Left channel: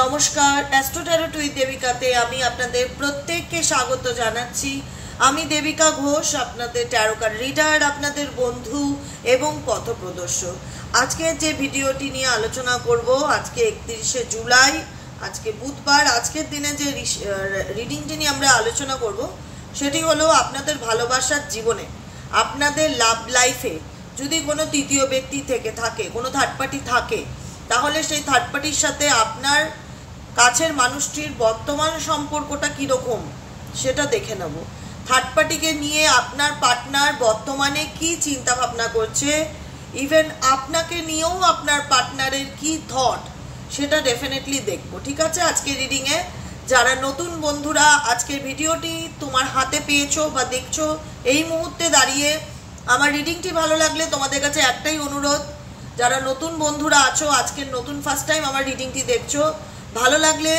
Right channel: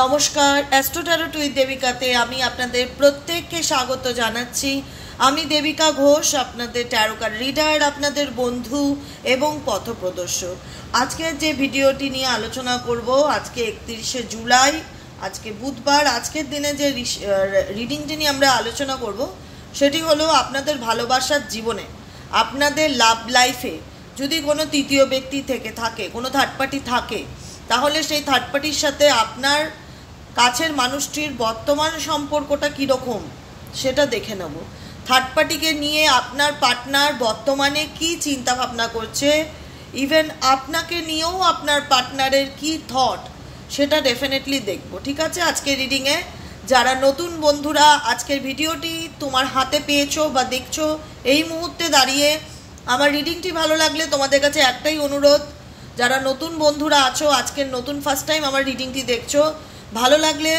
নমস্কার, astro tarot with দেবিকাতে আমি আপনাদের প্রত্যেককে স্বাগত জানাচ্ছি। আমি দেবিকা ঘোষ, আপনাদের ট্যারোকার রিডার, আপনাদের বন্ধু এবং পথপ্রদর্শক। আজকে যে ভিডিওটি নিয়ে আলোচনা করব, আজকে 31শে জুলাই, আজকে বুধবার। আজকের দিনে যে রিডিংটি নিয়ে আমরা আলোচনা করব সেটি হলো আপনাদের ভালোবাসার জীবনে, আপনাদের লাভ লাইফে যদি কোনো তৃতীয় ব্যক্তি থেকে থাকে, কোনো থার্ড পার্টি থাকে, তাহলে সেই থার্ড পার্টির সাথে আপনার কাছের মানুষটির বর্তমান সম্পর্কটা কীরকম সেটা দেখে নেব। থার্ড পার্টিকে নিয়ে আপনার পার্টনার বর্তমানে কি চিন্তা ভাবনা করছে, ইভেন আপনাকে নিয়েও আপনার পার্টনারের কি থট, সেটা ডেফিনেটলি দেখব। ঠিক আছে, আজকের রিডিংয়ে যারা নতুন বন্ধুরা আজকের ভিডিওটি তোমার হাতে পেয়েছো বা দেখছো, এই মুহূর্তে দাঁড়িয়ে আমার রিডিংটি ভালো লাগলে তোমাদের কাছে একটাই অনুরোধ, যারা নতুন বন্ধুরা আছো, আজকের নতুন ফার্স্ট টাইম আমার রিডিংটি দেখছো, ভালো লাগলে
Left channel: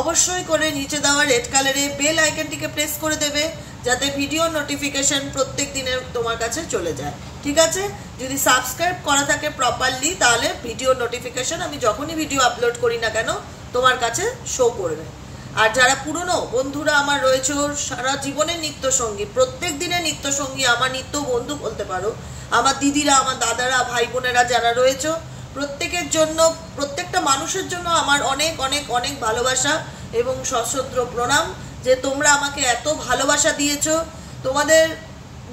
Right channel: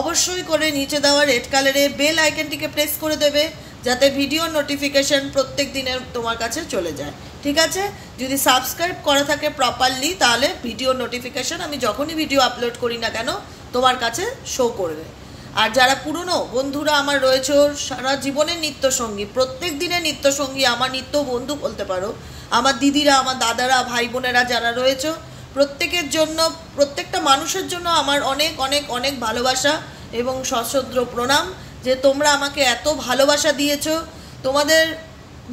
অবশ্যই করে নিচে দেওয়া রেড কালারে বেল আইকনটিকে প্রেস করে দেবে, যাতে ভিডিও নোটিফিকেশন প্রত্যেক দিনের তোমার কাছে চলে যায়। ঠিক আছে, যদি সাবস্ক্রাইব করা থাকে প্রপারলি, তাহলে ভিডিও নোটিফিকেশন আমি যখনই ভিডিও আপলোড করি না কেন তোমার কাছে শো করবে। আর যারা পুরনো বন্ধুরা আমার রয়েছে, সারা জীবনের নিত্যসঙ্গী, প্রত্যেক দিনের নিত্যসঙ্গী, আমার নিত্য বন্ধু বলতে পারো, আমার দিদিরা, আমার দাদারা, ভাই বোনেরা যারা রয়েছে, প্রত্যেকের জন্য, প্রত্যেকটা মানুষের জন্য আমার অনেক অনেক অনেক ভালোবাসা এবং সশ্রদ্ধ প্রণাম যে তোমরা আমাকে এত ভালোবাসা দিয়েছো। তোমাদের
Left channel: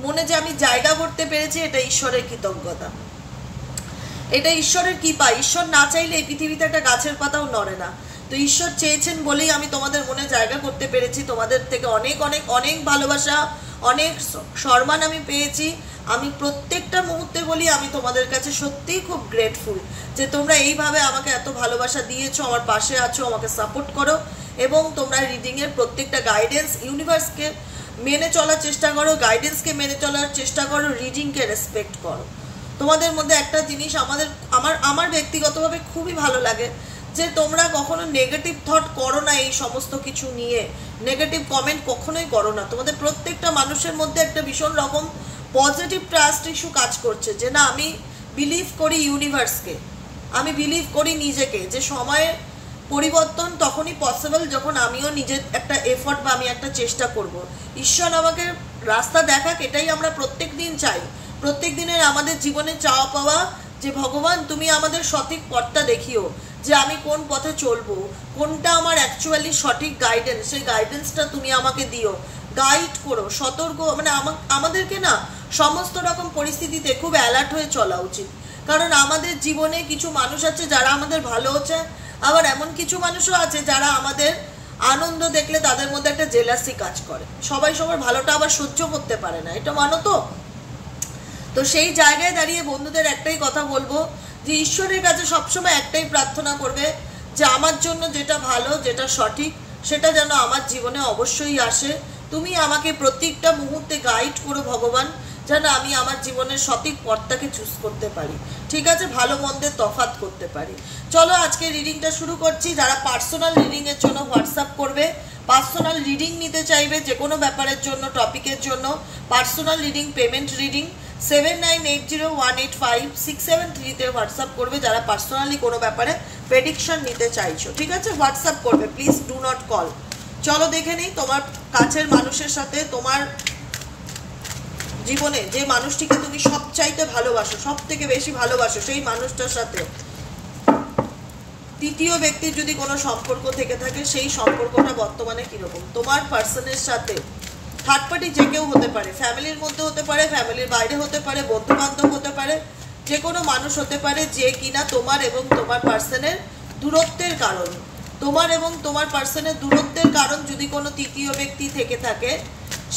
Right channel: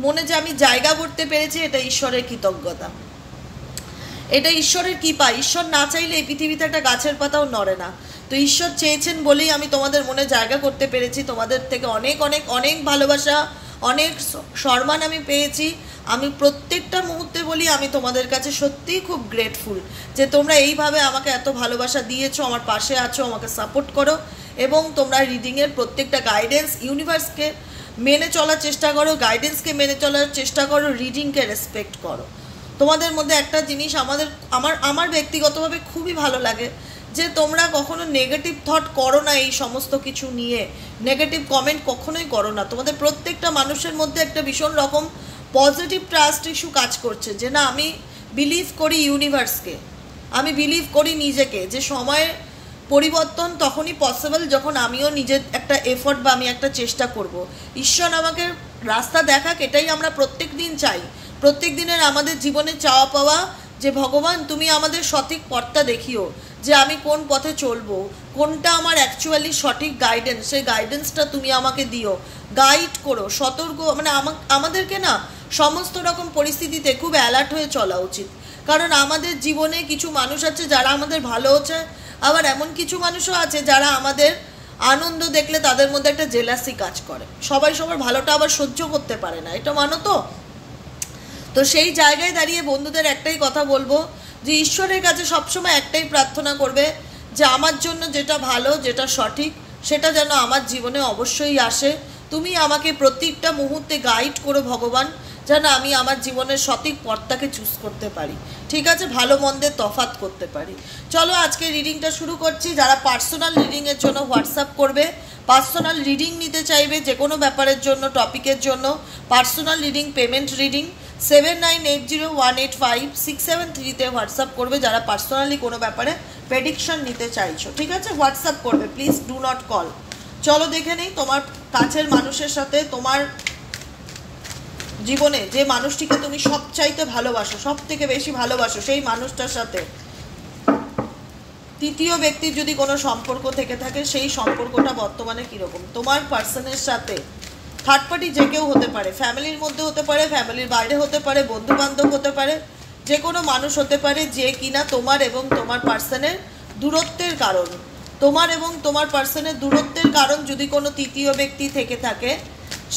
মনে যে আমি জায়গা করতে পেরেছি, এটা ঈশ্বরের কৃতজ্ঞতা, এটা ঈশ্বরের কৃপা। ঈশ্বর না চাইলে এই পৃথিবীতে একটা গাছের পাতাও নড়ে না। তো ঈশ্বর চেয়েছেন বলেই আমি তোমাদের মনে জায়গা করতে পেরেছি। তোমাদের থেকে অনেক অনেক অনেক ভালোবাসা, অনেক সম্মান আমি পেয়েছি। আমি প্রত্যেকটা মুহূর্তে বলি, আমি তোমাদের কাছে সত্যিই খুব গ্রেটফুল যে তোমরা এইভাবে আমাকে এত ভালোবাসা দিয়েছো, আমার পাশে আছো, আমাকে সাপোর্ট করো এবং তোমরা রিডিংয়ের প্রত্যেকটা গাইডেন্স, ইউনিভার্সকে মেনে চলার চেষ্টা করো, গাইডেন্সকে মেনে চলার চেষ্টা করো, রিডিংকে রেসপেক্ট করো। তোমাদের মধ্যে একটা জিনিস আমার ব্যক্তিগতভাবে খুবই ভালো লাগে যে তোমরা কখনো নেগেটিভ থট করো না, এই সমস্ত কিছু নিয়ে নেগেটিভ কমেন্ট কখনোই করো না। তোমাদের প্রত্যেকটা মানুষের মধ্যে একটা ভীষণ রকম পজিটিভ ট্রাস্ট ইস্যু কাজ করছে, যে না, আমি বিলিভ করি ইউনিভার্সকে, আমি বিলিভ করি নিজেকে, যে সময়ের পরিবর্তন তখনই পসিবল যখন আমিও নিজের একটা এফোর্ট বা আমি একটা চেষ্টা করব। ঈশ্বর আমাকে রাস্তা দেখাক, এটাই আমরা প্রত্যেক দিন চাই। প্রত্যেক দিনের আমাদের জীবনে চাওয়া পাওয়া যে ভগবান তুমি আমাদের সঠিক পথটা দেখিও, যে আমি কোন পথে চলবো, কোনটা আমার অ্যাকচুয়ালি সঠিক গাইডেন্স, সেই গাইডেন্সটা তুমি আমাকে দিও, গাইড করো, সতর্ক। মানে আমাদেরকে না সমস্ত রকম পরিস্থিতিতে খুব অ্যালার্ট হয়ে চলা উচিত, কারণ আমাদের জীবনে কিছু মানুষ আছে যারা আমাদের ভালো হচ্ছে, আবার এমন কিছু মানুষও আছে যারা আমাদের আনন্দ দেখলে তাদের মধ্যে একটা জেলাসি কাজ করে। সবাই সবার ভালোটা আবার সহ্য করতে পারে না, এটা মানো তো। তো সেই জায়গায় দাঁড়িয়ে বন্ধুদের একটাই কথা বলবো, যে ঈশ্বরের কাছে সবসময় একটাই প্রার্থনা করবে যে আমার জন্য যেটা ভালো, যেটা সঠিক, সেটা যেন আমার জীবনে অবশ্যই আসে। তুমি আমাকে প্রত্যেকটা মুহূর্তে গাইড করো ভগবান, যেন আমি আমার জীবনের সঠিক পথটাকে চুজ করতে পারি। ঠিক আছে, ভালো মন্দের তফাৎ করতে পারি। চলো আজকে রিডিংটা শুরু করছি। যারা পার্সোনাল রিডিংয়ের জন্য হোয়াটসঅ্যাপ করবে, পার্সোনাল রিডিং নিতে চাইবে যে কোনো ব্যাপারের জন্য, টপিকের জন্য, personal reading, payment reading, 7980185673 WhatsApp করবে যারা পার্সোনালি কোনো ব্যাপারে প্রেডিকশন নিতে চাইছো। ঠিক আছে, হোয়াটসঅ্যাপ করবে, প্লিজ ডু নট কল। চলো দেখে নিই তোমার কাছের মানুষের সাথে, তোমার জীবনে যে মানুষটিকে তুমি সবচাইতে ভালোবাসো, সব থেকে বেশি ভালোবাসো, সেই মানুষটার সাথে তৃতীয় ব্যক্তির যদি কোনো সম্পর্ক থেকে থাকে, সেই সম্পর্কটা বর্তমানে কিরকম তোমার পার্সনের সাথে। থার্ড পার্টি যে কেউ হতে পারে, ফ্যামিলির মধ্যে হতে পারে, ফ্যামিলির বাইরে হতে পারে, বন্ধু বান্ধব হতে পারে, যে কোনো মানুষ হতে পারে, যে কিনা তোমার এবং তোমার পার্সনের দূরত্বের কারণ, তোমার এবং তোমার পার্সনের দূরত্বের কারণ যদি কোনো তৃতীয় ব্যক্তি থেকে থাকে,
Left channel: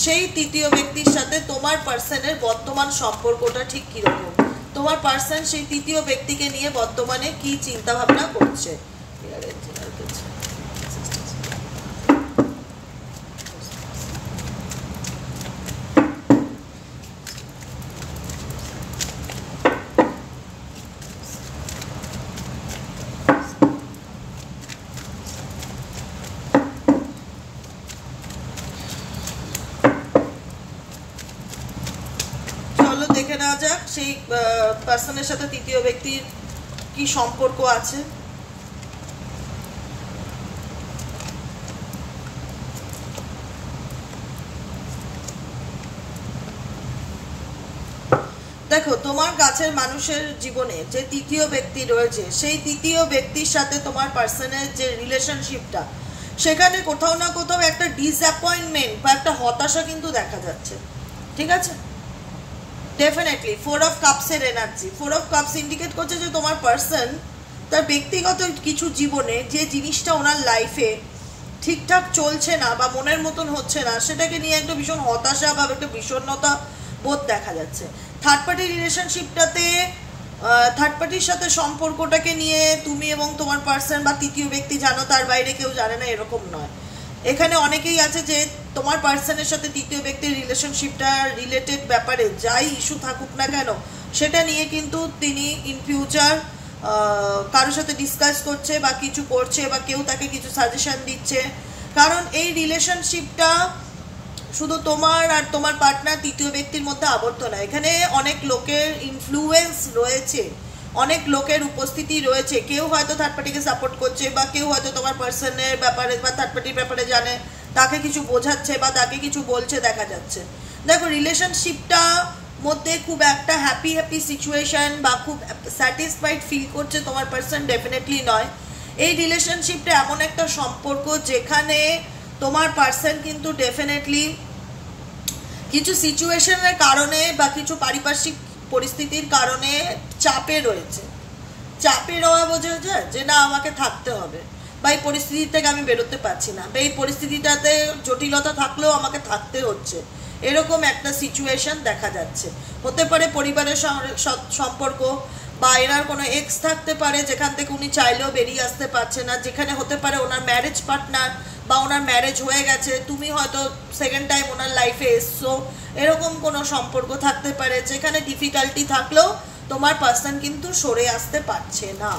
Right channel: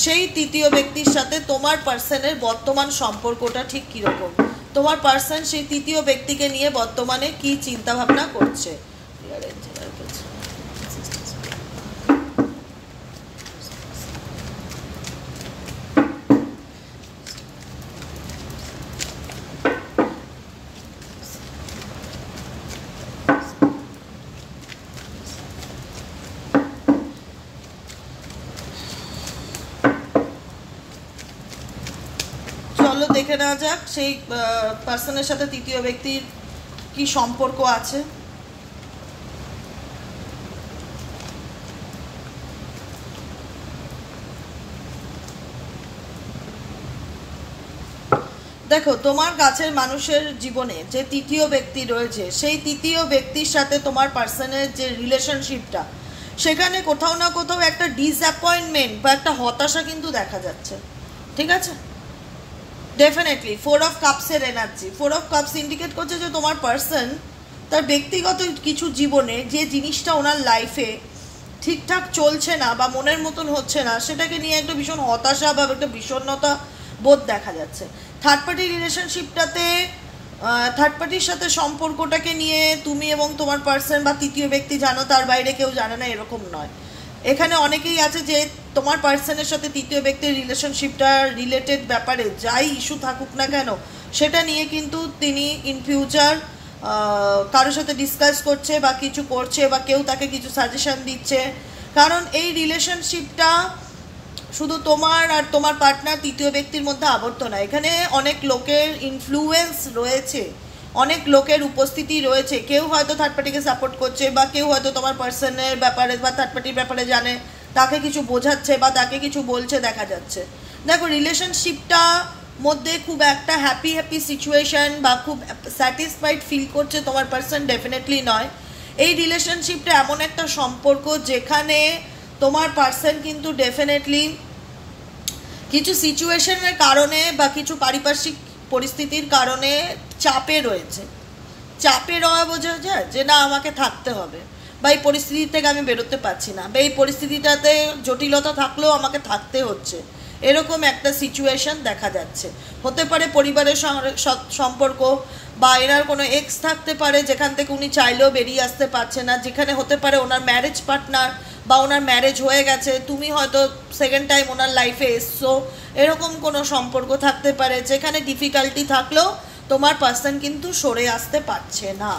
সেই তৃতীয় ব্যক্তির সাথে তোমার পার্সনের বর্তমান সম্পর্কটা ঠিক কীরকম, তোমার পার্সন সেই তৃতীয় ব্যক্তিকে নিয়ে বর্তমানে কি চিন্তা ভাবনা করছে। দেখে নেওয়া যাক সেই পার্সনের সাথে তৃতীয় ব্যক্তির কি সম্পর্ক আছে। দেখো তোমার কাছের মানুষের জীবনে যে তৃতীয় ব্যক্তি রয়েছে, সেই তৃতীয় ব্যক্তির সাথে তোমার পার্সনের যে রিলেশনশিপটা, সেখানে কোথাও না কোথাও একটা ডিসঅ্যাপয়েন্টমেন্ট বা একটা হতাশা কিন্তু দেখা যাচ্ছে। ঠিক আছে, ডেফিনেটলি 4 অফ কাপসের এনার্জি, 4 অফ কাপস ইন্ডিকেট করছে যে তোমার পার্সন তার ব্যক্তিগত কিছু জীবনে যে জিনিসটা ওনার লাইফে ঠিকঠাক চলছে না বা মনের মতন হচ্ছে না, সেটাকে নিয়ে একটা ভীষণ হতাশা বা একটা বিষণ্ণতা বোধ দেখা যাচ্ছে। থার্ড পার্টি রিলেশনশিপটাতে থার্ড পার্টির সাথে সম্পর্কটাকে নিয়ে তুমি এবং তোমার পার্সন বা তৃতীয় ব্যক্তি জানো, তার বাইরে কেউ জানে না, এরকম নয়। এখানে অনেকেই আছে যে তোমার পার্সনের সাথে তৃতীয় ব্যক্তির রিলেশনশিপটা রিলেটেড ব্যাপারে যাই ইস্যু থাকুক না কেন, সেটা নিয়ে কিন্তু তিনি ইন ফিউচার কারোর সাথে ডিসকাস করছে বা কিছু করছে, বা কেউ তাকে কিছু সাজেশন দিচ্ছে। কারণ এই রিলেশনশিপটা শুধু তোমার আর তোমার পার্টনার তৃতীয় ব্যক্তির মধ্যে আবদ্ধ না, এখানে অনেক লোকের ইনফ্লুয়েন্স রয়েছে, অনেক লোকের উপস্থিতি রয়েছে। কেউ হয়তো থার্ড পার্টিকে সাপোর্ট করছে, বা কেউ হয়তো তোমার পার্সনের ব্যাপারে বা থার্ড পার্টির ব্যাপারে জানে, তাকে কিছু বোঝাচ্ছে বা তাকে কিছু বলছে দেখা যাচ্ছে। দেখো রিলেশনশিপটা মধ্যে খুব একটা হ্যাপি সিচুয়েশন বা খুব স্যাটিসফাইড ফিল করছে তোমার পার্সন ডেফিনেটলি নয়। এই রিলেশনশিপটা এমন একটা সম্পর্ক যেখানে তোমার পার্সন কিন্তু ডেফিনেটলি কিছু সিচুয়েশনের কারণে বা কিছু পারিপার্শ্বিক পরিস্থিতির কারণে চাপে রয়েছে। চাপে রওয়া বোঝা যায় যে না আমাকে থাকতে হবে, বা এই পরিস্থিতি থেকে আমি বেরোতে পারছি না, বা এই পরিস্থিতিটাতে জটিলতা থাকলেও আমাকে থাকতে হচ্ছে, এরকম একটা সিচুয়েশন দেখা যাচ্ছে। হতে পারে পরিবারের সম্পর্ক, বা এনার কোনো এক্স থাকতে পারে যেখান থেকে উনি চাইলেও বেরিয়ে আসতে পারছে না, যেখানে হতে পারে ওনার ম্যারেজ পার্টনার বা ওনার ম্যারেজ হয়ে গেছে, তুমি হয়তো সেকেন্ড টাইম ওনার লাইফে এসছো, এরকম কোনো সম্পর্ক থাকতে পারে যেখানে ডিফিকাল্টি থাকলেও তোমার পার্সন কিন্তু সরে আসতে পারছে না।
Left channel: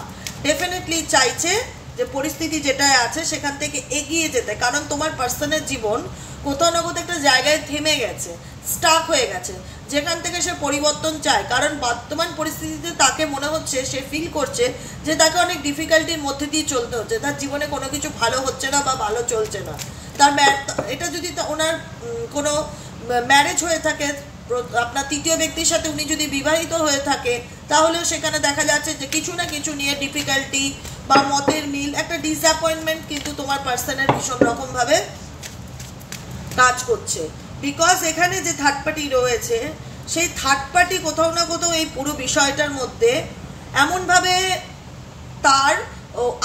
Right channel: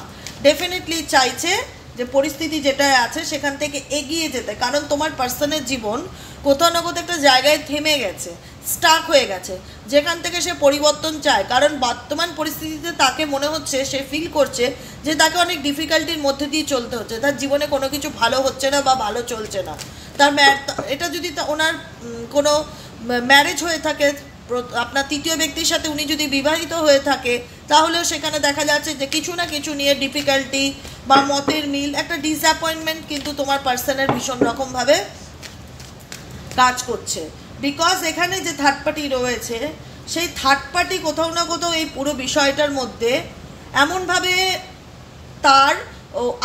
ডেফিনেটলি চাইছে যে পরিস্থিতি যেটা আছে সেখান থেকে এগিয়ে যেতে, কারণ তোমার পার্সনের জীবন কোথাও না কোথাও একটা জায়গায় থেমে গেছে, স্টাক হয়ে গেছে, যেখান থেকে সে পরিবর্তন চায়। কারণ বর্তমান পরিস্থিতিতে তাকে মনে হচ্ছে, সে ফিল করছে যে তাকে অনেক ডিফিকাল্টির মধ্যে দিয়ে চলতে হচ্ছে, তার জীবনে কোনো কিছু ভালো হচ্ছে না বা ভালো চলছে না। তার এটা যদি ওনার কোনো ম্যারেজ হয়ে থাকে, আপনার তৃতীয় ব্যক্তির সাথে উনি যদি বিবাহিত হয়ে থাকে, তাহলেও সেখানে দেখা যাচ্ছে যে কিছু না কিছু নিয়ে ডিফিকাল্টি বা মতের মিল, একটা ডিসঅ্যাপয়েন্টমেন্ট কিন্তু তোমার পার্সনের ভীষণ রকমভাবে কাজ করছে। বিকজ এখানে যে থার্ড পার্টি রয়েছে, সেই থার্ড পার্টি কোথাও না কোথাও এই পুরো বিষয়টার মধ্যে এমনভাবে তার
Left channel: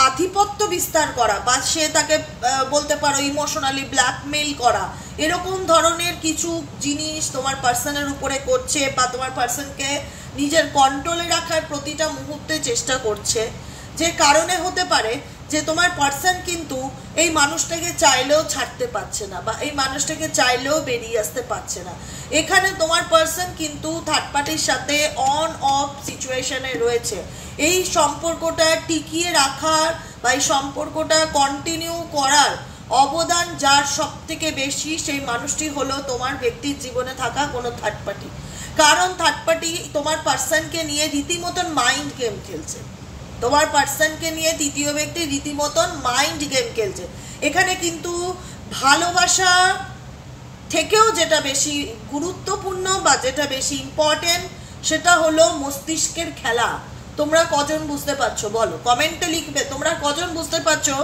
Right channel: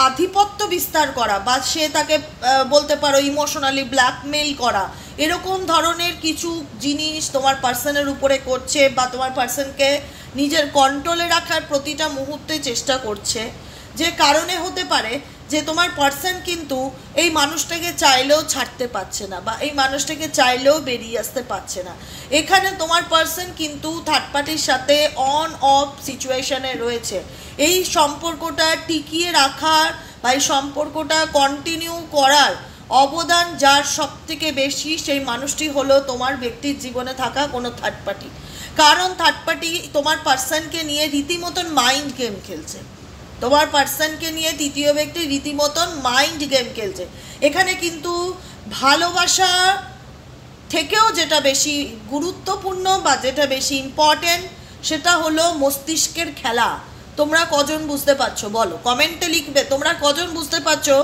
আধিপত্য বিস্তার করা, বা সে তাকে বলতে পারো ইমোশনালি ব্ল্যাকমেইল করা, এরকম ধরনের কিছু জিনিস তোমার পার্সনের উপরে করছে, বা তোমার পার্সনকে নিজের কন্ট্রোলে রাখার প্রতিটা মুহূর্তে চেষ্টা করছে, যে কারণে হতে পারে যে তোমার পার্সন কিন্তু এই মানুষটাকে চাইলেও ছাড়তে পারছে না, বা এই মানুষটাকে চাইলেও বেরিয়ে আসতে পারছে না। এখানে তোমার পার্সন কিন্তু থার্ড পার্টির সাথে অন অফ সিচুয়েশনে রয়েছে। এই সম্পর্কটা টিকিয়ে রাখার বা এই সম্পর্কটা কন্টিনিউ করার অবদান যার সব থেকে বেশি, সেই মানুষটি হলো তোমার ব্যক্তির জীবনে থাকা কোনো থার্ড পার্টি। কারণ থার্ড পার্টি তোমার পার্সনকে নিয়ে রীতিমতন মাইন্ড গেম খেলছে, তোমার পার্সনকে নিয়ে তৃতীয় ব্যক্তি রীতিমতন মাইন্ড গেম খেলছে। এখানে কিন্তু ভালোবাসা থেকেও যেটা বেশি গুরুত্বপূর্ণ বা যেটা বেশি ইম্পর্টেন্ট, সেটা হলো মস্তিষ্কের খেলা। তোমরা কজন বুঝতে পারছো বলো, কমেন্টে লিখবে তোমরা কজন বুঝতে পারছো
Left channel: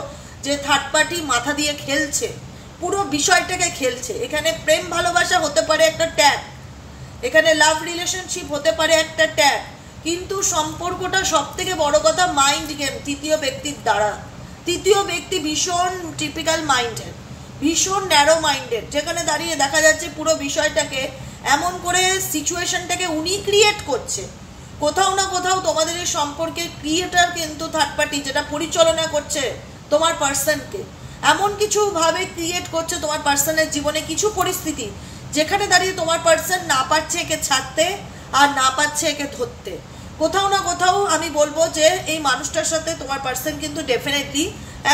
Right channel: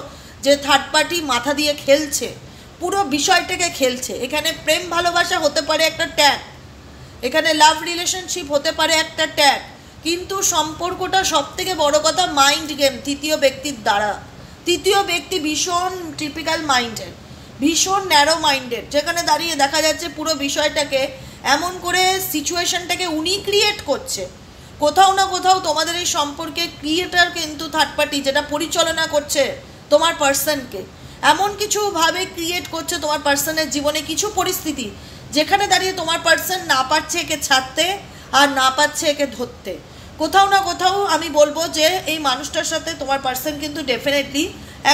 যে থার্ড পার্টি মাথা দিয়ে খেলছে, পুরো বিষয়টাকে খেলছে। এখানে প্রেম ভালোবাসা হতে পারে একটা ট্যাগ, এখানে লাভ রিলেশনশিপ হতে পারে একটা ট্যাগ, কিন্তু সম্পর্কটা সব থেকে বড় কথা মাইন্ড গেম তৃতীয় ব্যক্তির দ্বারা। তৃতীয় ব্যক্তি ভীষণ টিপিক্যাল মাইন্ডেড, ভীষণ ন্যারো মাইন্ডেড, যেখানে দাঁড়িয়ে দেখা যাচ্ছে পুরো বিষয়টাকে এমন করে সিচুয়েশনটাকে উনি ক্রিয়েট করছে। কোথাও না কোথাও তোমাদের এই সম্পর্কে ক্রিয়েটার কিন্তু থার্ড পার্টি, যেটা পরিচালনা করছে তোমার পার্সনকে, এমন কিছু ভাবে ক্রিয়েট করছে তোমার পার্সনের জীবনে কিছু পরিস্থিতি, যেখানে দাঁড়িয়ে তোমার পার্সন না পারছে একে ছাড়তে আর না পারছে একে ধরতে। কোথাও না কোথাও আমি বলবো যে এই মানুষটার সাথে তোমার পার্সন কিন্তু ডেফিনেটলি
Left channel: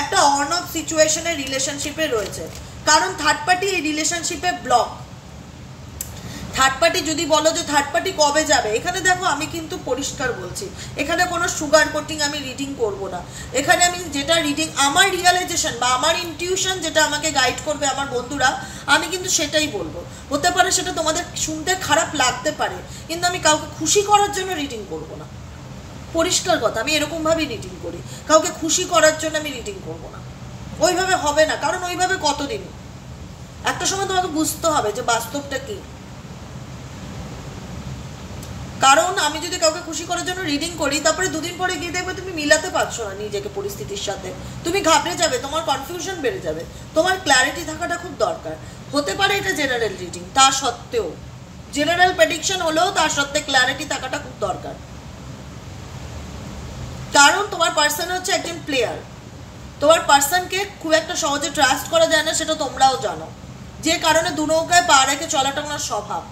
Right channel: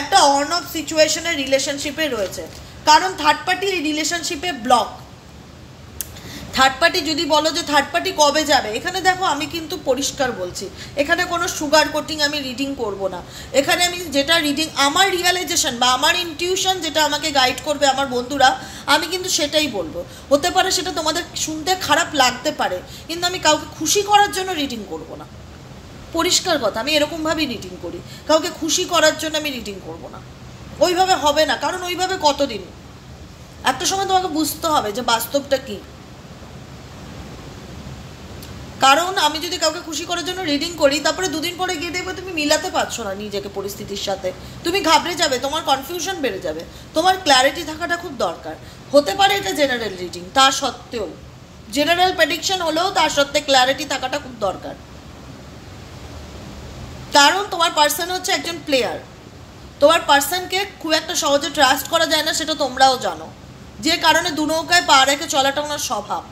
একটা অন অফ সিচুয়েশনের রিলেশনশিপে রয়েছে, কারণ থার্ড পার্টি এই রিলেশনশিপে ব্লক। থার্ড পার্টি যদি বলো যে থার্ড পার্টি কবে যাবে, এখানে দেখো আমি কিন্তু পরিষ্কার বলছি, এখানে কোনো সুগার কোটিং আমি রিডিং করব না। এখানে আমি যেটা রিডিং, আমার রিয়ালাইজেশন বা আমার ইনটিউশন যেটা আমাকে গাইড করবে আমার বন্ধুরা, আমি কিন্তু সেটাই বলবো। হতে পারে সেটা তোমাদের শুনতে খারাপ লাগতে পারে, কিন্তু আমি কাউকে খুশি করার জন্য রিডিং করব না। পরিষ্কার কথা, আমি এরকমভাবেই রিডিং করি, কাউকে খুশি করার জন্য আমি রিডিং করব না। ওইভাবে হবে না, কারণ ওইভাবে কতদিন, একটা সময় তোমাকে বুঝতে হবে যে বাস্তবটা কি। কারণ আমি যদি কাউকে খুশি করার জন্য রিডিং করি, তারপরে দুদিন পরে গিয়ে দেখবে তুমি মিলাতে পারছো না নিজেকে পরিস্থিতির সাথে, তুমি ঘাবড়ে যাবে, তোমার কনফিউশন বেড়ে যাবে। তোমার ক্ল্যারিটি থাকাটা খুব দরকার। হতে পারে এটা জেনারেল রিডিং, তা সত্ত্বেও জেনারেল প্রেডিকশন হলেও তার সত্ত্বে ক্ল্যারিটি থাকাটা খুব দরকার। কারণ তোমার পার্সন হচ্ছে একজন প্লেয়ার, তোমার পার্সনকে খুব একটা সহজে ট্রাস্ট করা যায় না, সেটা তোমরাও জানো, যে কারণে দু নৌকায় পা রেখে চলাটা ওনার স্বভাব।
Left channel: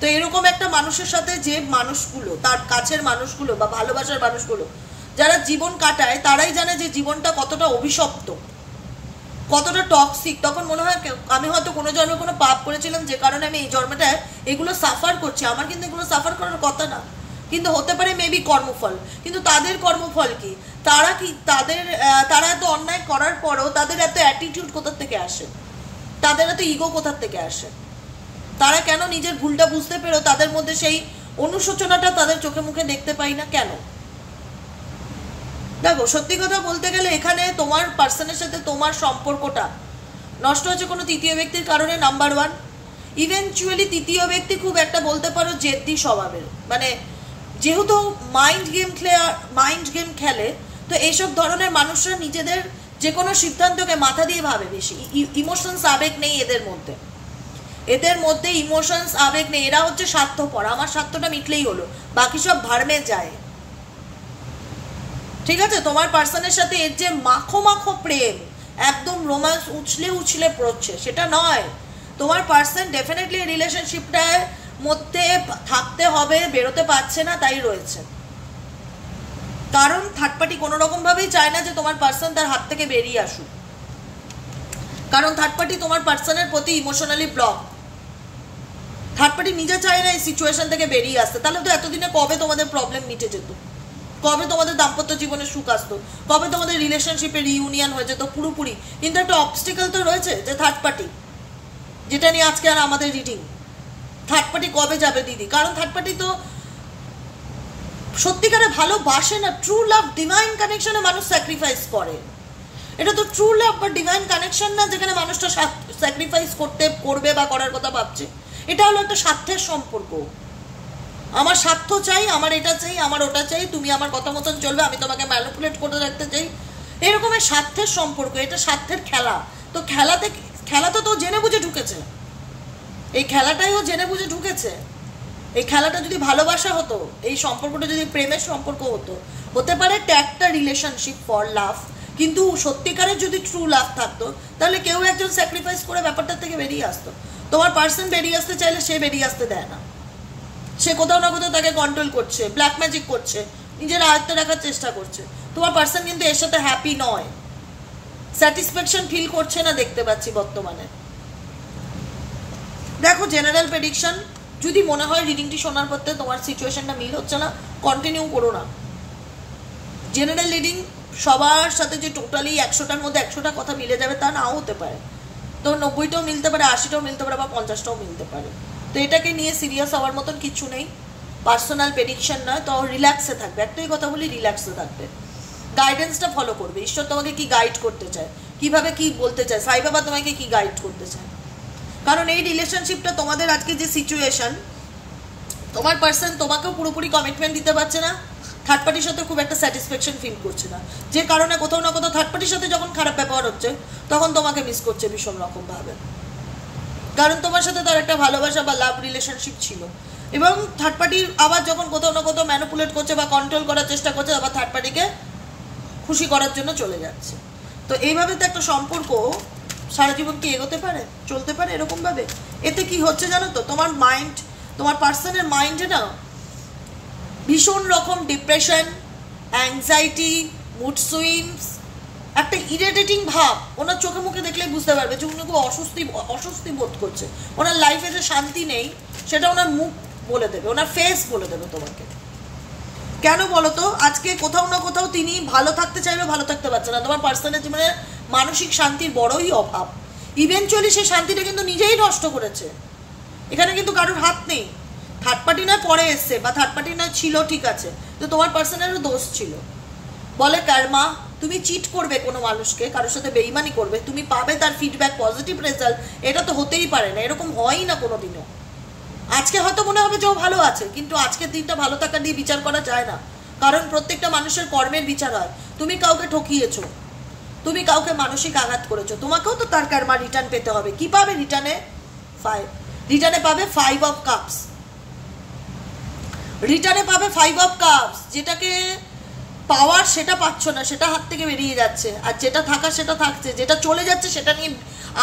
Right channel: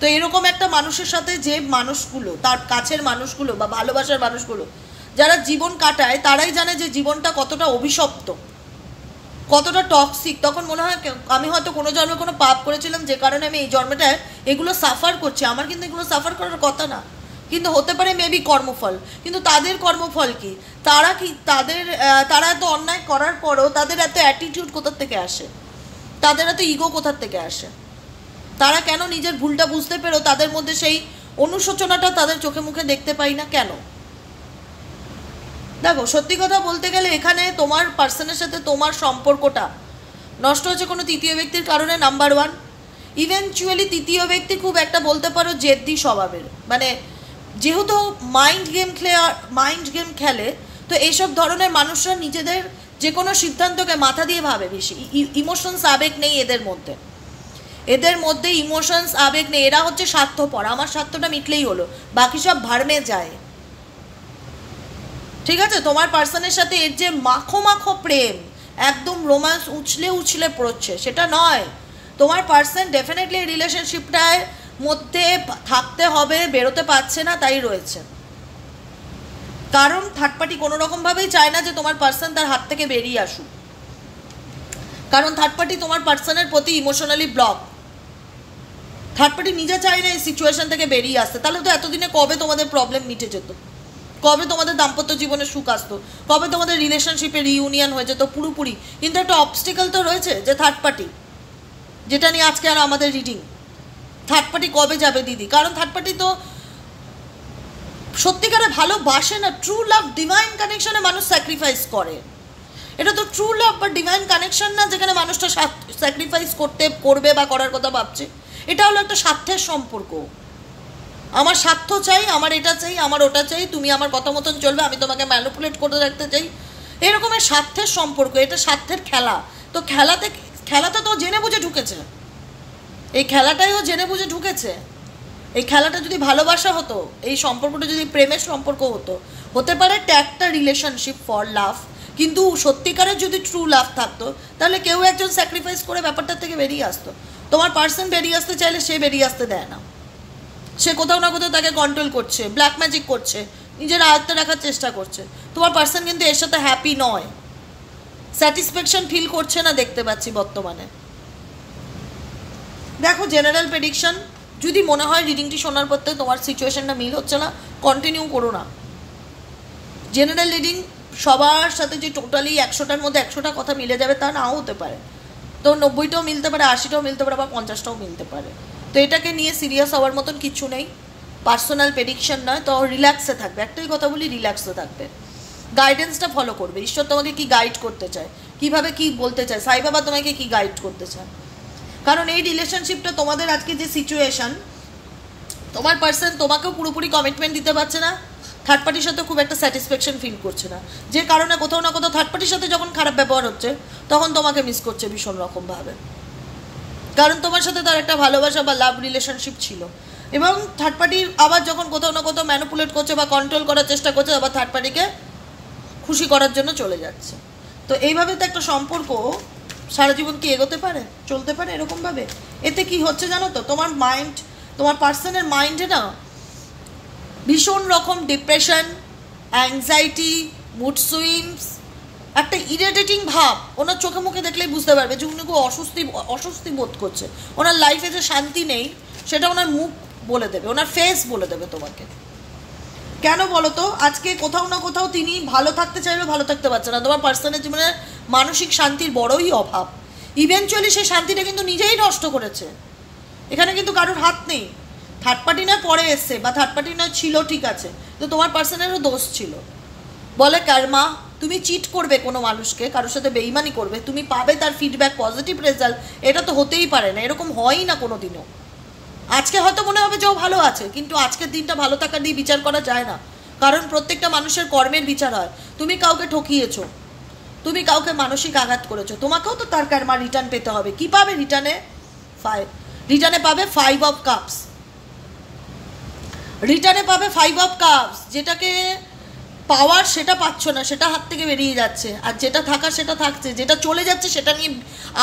তো এরকম একটা মানুষের সাথে যে মানুষগুলো, তার কাছের মানুষগুলো বা ভালোবাসার মানুষগুলো যারা জীবন কাটায়, তারাই জানে যে জীবনটা কতটা অভিশপ্ত, কতটা টক্সিক। তখন মনে হয় আমি হয়তো কোনো জন্মে কোনো পাপ করেছিলাম, যে কারণে আমি এই জন্মটায় এগুলো সাফার করছি। আমার কিন্তু এগুলো সাফার করার কথা না, কিন্তু হতে পারে মেবি কর্মফল। কিন্তু তাদের কর্মফল কি? তারা এত অন্যায় করার পরেও তাদের এত অ্যাটিটিউড কোথার থেকে আসে, তাদের এত ইগো কোথার থেকে আসে? তারা কেন নিজের ভুলটা বুঝতে পেরেও তাদের মধ্যে সেই অনুশোচনাটা তাদের চোখে মুখে দেখতে পাই না কেন? দেখো, সত্যি কথা বলতে গেলে এখানে তোমার পার্সনের সাথে তোমার সম্পর্কটা নষ্ট হচ্ছে কোনো তৃতীয় ব্যক্তির কারণে, নাম্বার ওয়ান। ইভেনচুয়ালি তৃতীয় ব্যক্তি খুব একটা বলতে পারো জেদ্দি স্বভাবের, মানে যেহেতু মাইন্ড গেম খেলে, তো এইসব ধরনের মানুষরা নিজেদের যে কোনো সিদ্ধান্তকে মাথা দিয়ে ভাবে বেশি। ইমোশনস, আবেগ নেই এদের মধ্যে ইমোশনস, আবেগ নেই। এরা হচ্ছে স্বার্থপর, আমার স্বার্থটা মিটলেই হলো, বাকি সব ভার্মে যায়। ঠিক আছে, তোমার পার্সনের সাথে এর যে মাখো প্রেম, একদম রোম্যান্স উছলে পড়ছে, সেটা নয়। তোমার পার্সন ডেফিনেটলি রিলেশনশিপটার মধ্যে থাকতে হবে, বেরোতে পারছে না, তাই রয়েছে। কারণ থার্ড পার্টি কোনো রকম ভাবেই চায় না যে তোমার পার্সন তার হাত থেকে বেরিয়ে আসুক, কারণ থার্ড পার্টি তোমার পার্সনের প্রতি ইমোশনালি ব্লক। থার্ড পার্টি নিজে চায় না এই সিচুয়েশন থেকে বেরিয়ে আসতে। তাহলে তো এতদিনে কবে তোমাদের প্রবলেম মিটে যেত, কবে তোমাদের দাম্পত্য জীবনে সুখ আসতো, কবে তোমাদের রিলেশনশিপে রিইউনিয়ন হয়ে যেত পুরোপুরি। কিন্তু একটা অবস্টিকল তো রয়েছে, যে থার্ড পার্টি, যেটা নিয়ে আজকে আর আমাদের রিডিং। থার্ড পার্টি কবে যাবে দিদি? কারণ থার্ড পার্টি তো সত্যিকারে ভালোবাসে না। ট্রু লাভ, ডিভাইন কানেকশনে মানুষ স্যাক্রিফাইস করে। এটা তো ট্রু লাভ বা ডিভাইন কানেকশন না, যেখানে মানুষটা স্যাক্রিফাইস করবে বা করার কথা ভাবছে। এটা হলো একটা স্বার্থের সম্পর্ক। আমার স্বার্থ চাই, আমার এটা চাই, আমার ওটা চাই, তুমি আমার কথা মতন চলবে, আমি তোমাকে ম্যানিপুলেট করে রাখতে চাই, এরকমের স্বার্থের সম্পর্ক। এটা স্বার্থের খেলা। তো খেলাতে তো জেনে বুঝে ঢুকেছে, এই খেলাটাইও জেনে বুঝে ঢুকেছে। এই খেলাটা যদি ভালোবাসা হতো, এই সম্পর্কটা যদি প্রেমের সম্পর্ক হতো, হতে পারে একটা রিলেশনশিপ ফর লাভ, কিন্তু সত্যিকারের যদি ট্রু লাভ থাকতো, তাহলে কেউ একজন স্যাক্রিফাইস করে ব্যাপারটা থেকে বেরিয়ে আসতো। তোমার পার্সন বেরিয়ে আসতে চাইলে সে বেরিয়ে আসতে দেয় না, সে কোথাও না কোথাও তাকে কন্ট্রোল করছে, ব্ল্যাক ম্যাজিক করছে, নিজের আয়ত্তে রাখার চেষ্টা করছে। তোমার পার্সন কিন্তু এর সাথে হ্যাপি নয়, স্যাটিসফ্যাকশন ফিল করছে না, দেখতে পাচ্ছি বর্তমানে। দেখো, জেনারেল প্রেডিকশন যদি মনে হয় রিডিংটি শোনার পর তোমার সিচুয়েশনটা মিল হচ্ছে না, কন্টিনিউ করো না। জেনারেল রিডিং সবার সাথে যে টোটালি 100টার মধ্যে 100টা কথা মিলে যাবে তা নাও হতে পারে। তো 90টাও মিলতে পারে, 80টাও মিলতে পারে, বা 50টাও মিলতে পারে। তো এটাকে নিয়ে সিরিয়াস হওয়ার মতন কিছু নেই, পার্সোনাল প্রেডিকশন নয়। তো রিল্যাক্সে থাকবে, একটাই কথা বলি, রিল্যাক্সে থাকবে, গাইডেন্সটা ফলো করবে। ঈশ্বর তোমাকে কি গাইড করতে চায়, কিভাবে কি বলতে চায়, সাই বাবা তোমাকে কি গাইড করতে চায়। কারণ এই রিলেশনশিপটা তোমাদের আজকে যে সিচুয়েশন, তোমার পার্সন তোমাকেও পুরোপুরি কমিটমেন্ট দিতে পারছে না, থার্ড পার্টির সাথে খুব একটা স্যাটিসফ্যাকশন ফিল করছে না, যে কারণে কোথাও না কোথাও থার্ড পার্টির সাথে যখন খারাপ ব্যবহার হচ্ছে, তখন তোমাকে মিস করছে ভীষণ রকমভাবে। কারণ তোমার সাথে তার একটা ভালোবাসা বা লাভ রিলেশনশিপ ছিল, এবং থার্ড পার্টির আবার যখন কোথাও না কোথাও ম্যানিপুলেট করছে বা কন্ট্রোল করার চেষ্টা করছে, আবার থার্ড পার্টিকে খুশি করার জন্য চলে যাচ্ছে। তো এইভাবে তো একটা সম্পর্ক সারা জীবন কি এগোতে পারে, চলতে পারে এরকমভাবে? এতে কি হচ্ছে জানো তো, তোমার মাইন্ড, তোমার পার্সনের মাইন্ডে না ভীষণ রকম ডিপ্রেশন, অ্যাংজাইটি, মুড সুইংস, একটা ইরিটেটিং ভাব ওনার চোখে মুখে দেখলেই বুঝতে পারবে যে উনি খুব অস্বস্তি বোধ করছে, ওনার লাইফে যে শান্তি নেই সেটা ওনার মুখ বলে দেবে, ওনার ফেস বলে দেবে তোমাকে। কেন বলো তো? আজকে কোথাও না কোথাও তিনি ভালো থাকতে চাইবে, ভালো থাকতে পারছে না। তোমার পার্সোনাল জীবনে মানসিক শান্তির বড়ই অভাব। ইভেনচুয়ালি সেই শান্তিটা কিন্তু নিজেই নষ্ট করেছে, এখানে কিন্তু কারোর হাত নেই। থার্ড পার্টি নয় পরে এসছে, বা থার্ড পার্টি নয় ছিল, ঠিক আছে, তো তোমার পার্সনেরও দোষ ছিল। বলে কর্মা, তুমি চিট করবে কোনো মানুষকে, কারোর সাথে বেইমানি করবে, তুমি পাবে তার ফিডব্যাক, পজিটিভ রেজাল্ট। এটা তো হতেই পারে না, এরকম হয়ই না কোনো দিনও। আজকে হয়তো মনে হবে যে ও ভালো আছে, কিন্তু আজকের দিনটা ভালো থাকা দিয়ে বিচার করা যায় না, কারণ প্রত্যেকটা মানুষের কর্মের বিচার হয়। তুমি কাউকে ঠকিয়েছো, তুমি কাউকে মানসিক আঘাত করেছো, তোমাকেও তো তার কর্মা রিটার্ন পেতে হবে। কি পাবে রিটার্নে? রিটার্নে পাবে 5 অফ কাপস। রিটার্নে পাবে 5 অফ কাপস। যেটাকে পাওয়ার সেটা পাচ্ছ না, সেটা হাত থেকে বেরিয়ে যাচ্ছে, আর যেটা থাকা সেটা থাকছে। যেটা চলে যাচ্ছে সেটা নিয়ে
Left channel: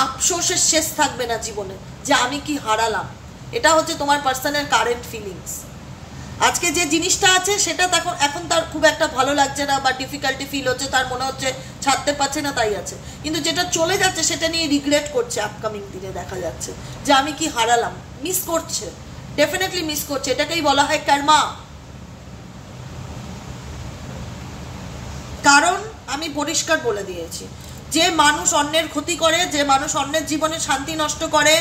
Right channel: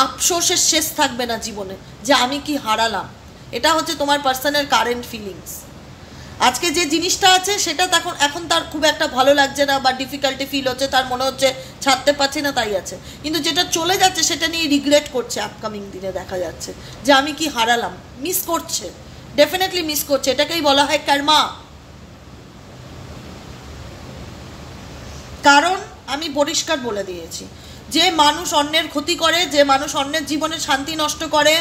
আফসোসের শেষ থাকবে না জীবনে, যে আমি কি হারালাম। এটা হচ্ছে তোমার পার্সনের কারেন্ট ফিলিংস। আজকে যে জিনিসটা আছে সেটা এখন তার খুব একটা ভালো লাগছে না, বা ডিফিকাল্টি ফিল হচ্ছে, তার মনে হচ্ছে ছাড়তে পারছে না, তাই আছে। কিন্তু যেটা চলে যাচ্ছে সেটা নিয়ে রিগ্রেট করছে আপকামিং দিনে, দেখা যাচ্ছে যে আমি কি হারালাম, মিস করছে, ডেফিনেটলি মিস করছে। এটাকেই বলা হয় কর্মা। কারণ আমি পরিষ্কার বলে দিয়েছি, যে মানুষ অন্যের ক্ষতি করে, যে মানুষ অন্যের জীবনে শান্তি নষ্ট করে,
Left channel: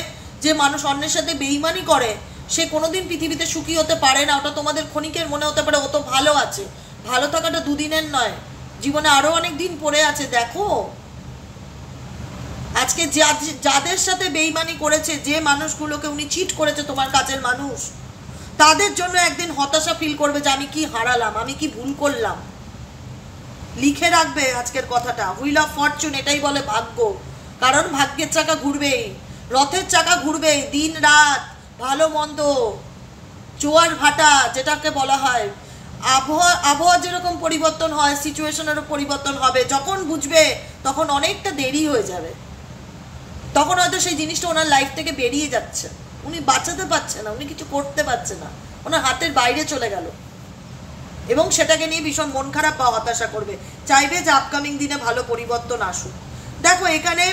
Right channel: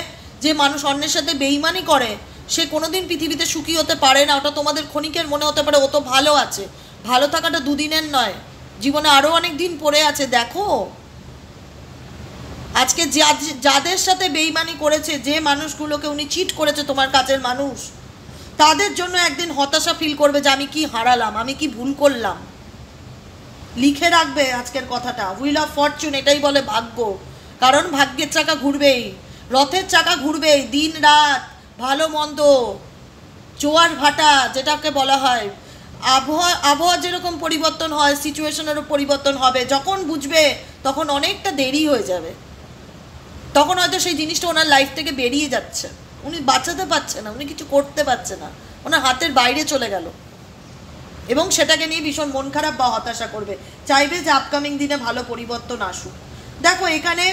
যে মানুষ অন্যের সাথে বেইমানি করে, সে কোনোদিন পৃথিবীতে সুখী হতে পারে না। ওটা তোমাদের ক্ষণিকের মনে হতে পারে ও তো ভালো আছে, ভালো থাকাটা দুদিনের নয়, জীবনে আরো অনেক দিন পড়ে আছে। দেখো আজকে যাদের সাথে বেইমানি করেছে, যে মানুষগুলোকে উনি চিট করেছে, তোমার কাছের মানুষ, তাদের জন্য একদিন হতাশা ফিল করবে যে আমি কি হারালাম, আমি কি ভুল করলাম। লিখে রাখবে আজকের কথাটা, হুইল অফ ফরচুন, এটাই বলে ভাগ্য। কারণ ভাগ্যের চাকা ঘুরবেই, রথের চাকা ঘুরবেই, দিন রাত, ভালো মন্দ, জোয়ার ভাটা যেটাকে বলা হয়। আবহাওয়া যেরকম পরিবর্তন হয়, সিচুয়েশনেরও পরিবর্তন হবে। যখন বুঝবে তখন অনেকটা দেরি হয়ে যাবে, তখন হয়তো সেই জিনিসটা ওনার লাইফ থেকে বেরিয়ে যাচ্ছে, উনি বাঁচাতে পারছে না, উনি কিছু করতে পারছে না, ওনার হাতের বাইরে চলে গেল, এবং সেটাকে নিয়ে ভীষণ মন খারাপ বা হতাশা করবে, চাইবে যে আপকামিং দিনে ভালো পরিবর্তন আসুক। দেখো এখানে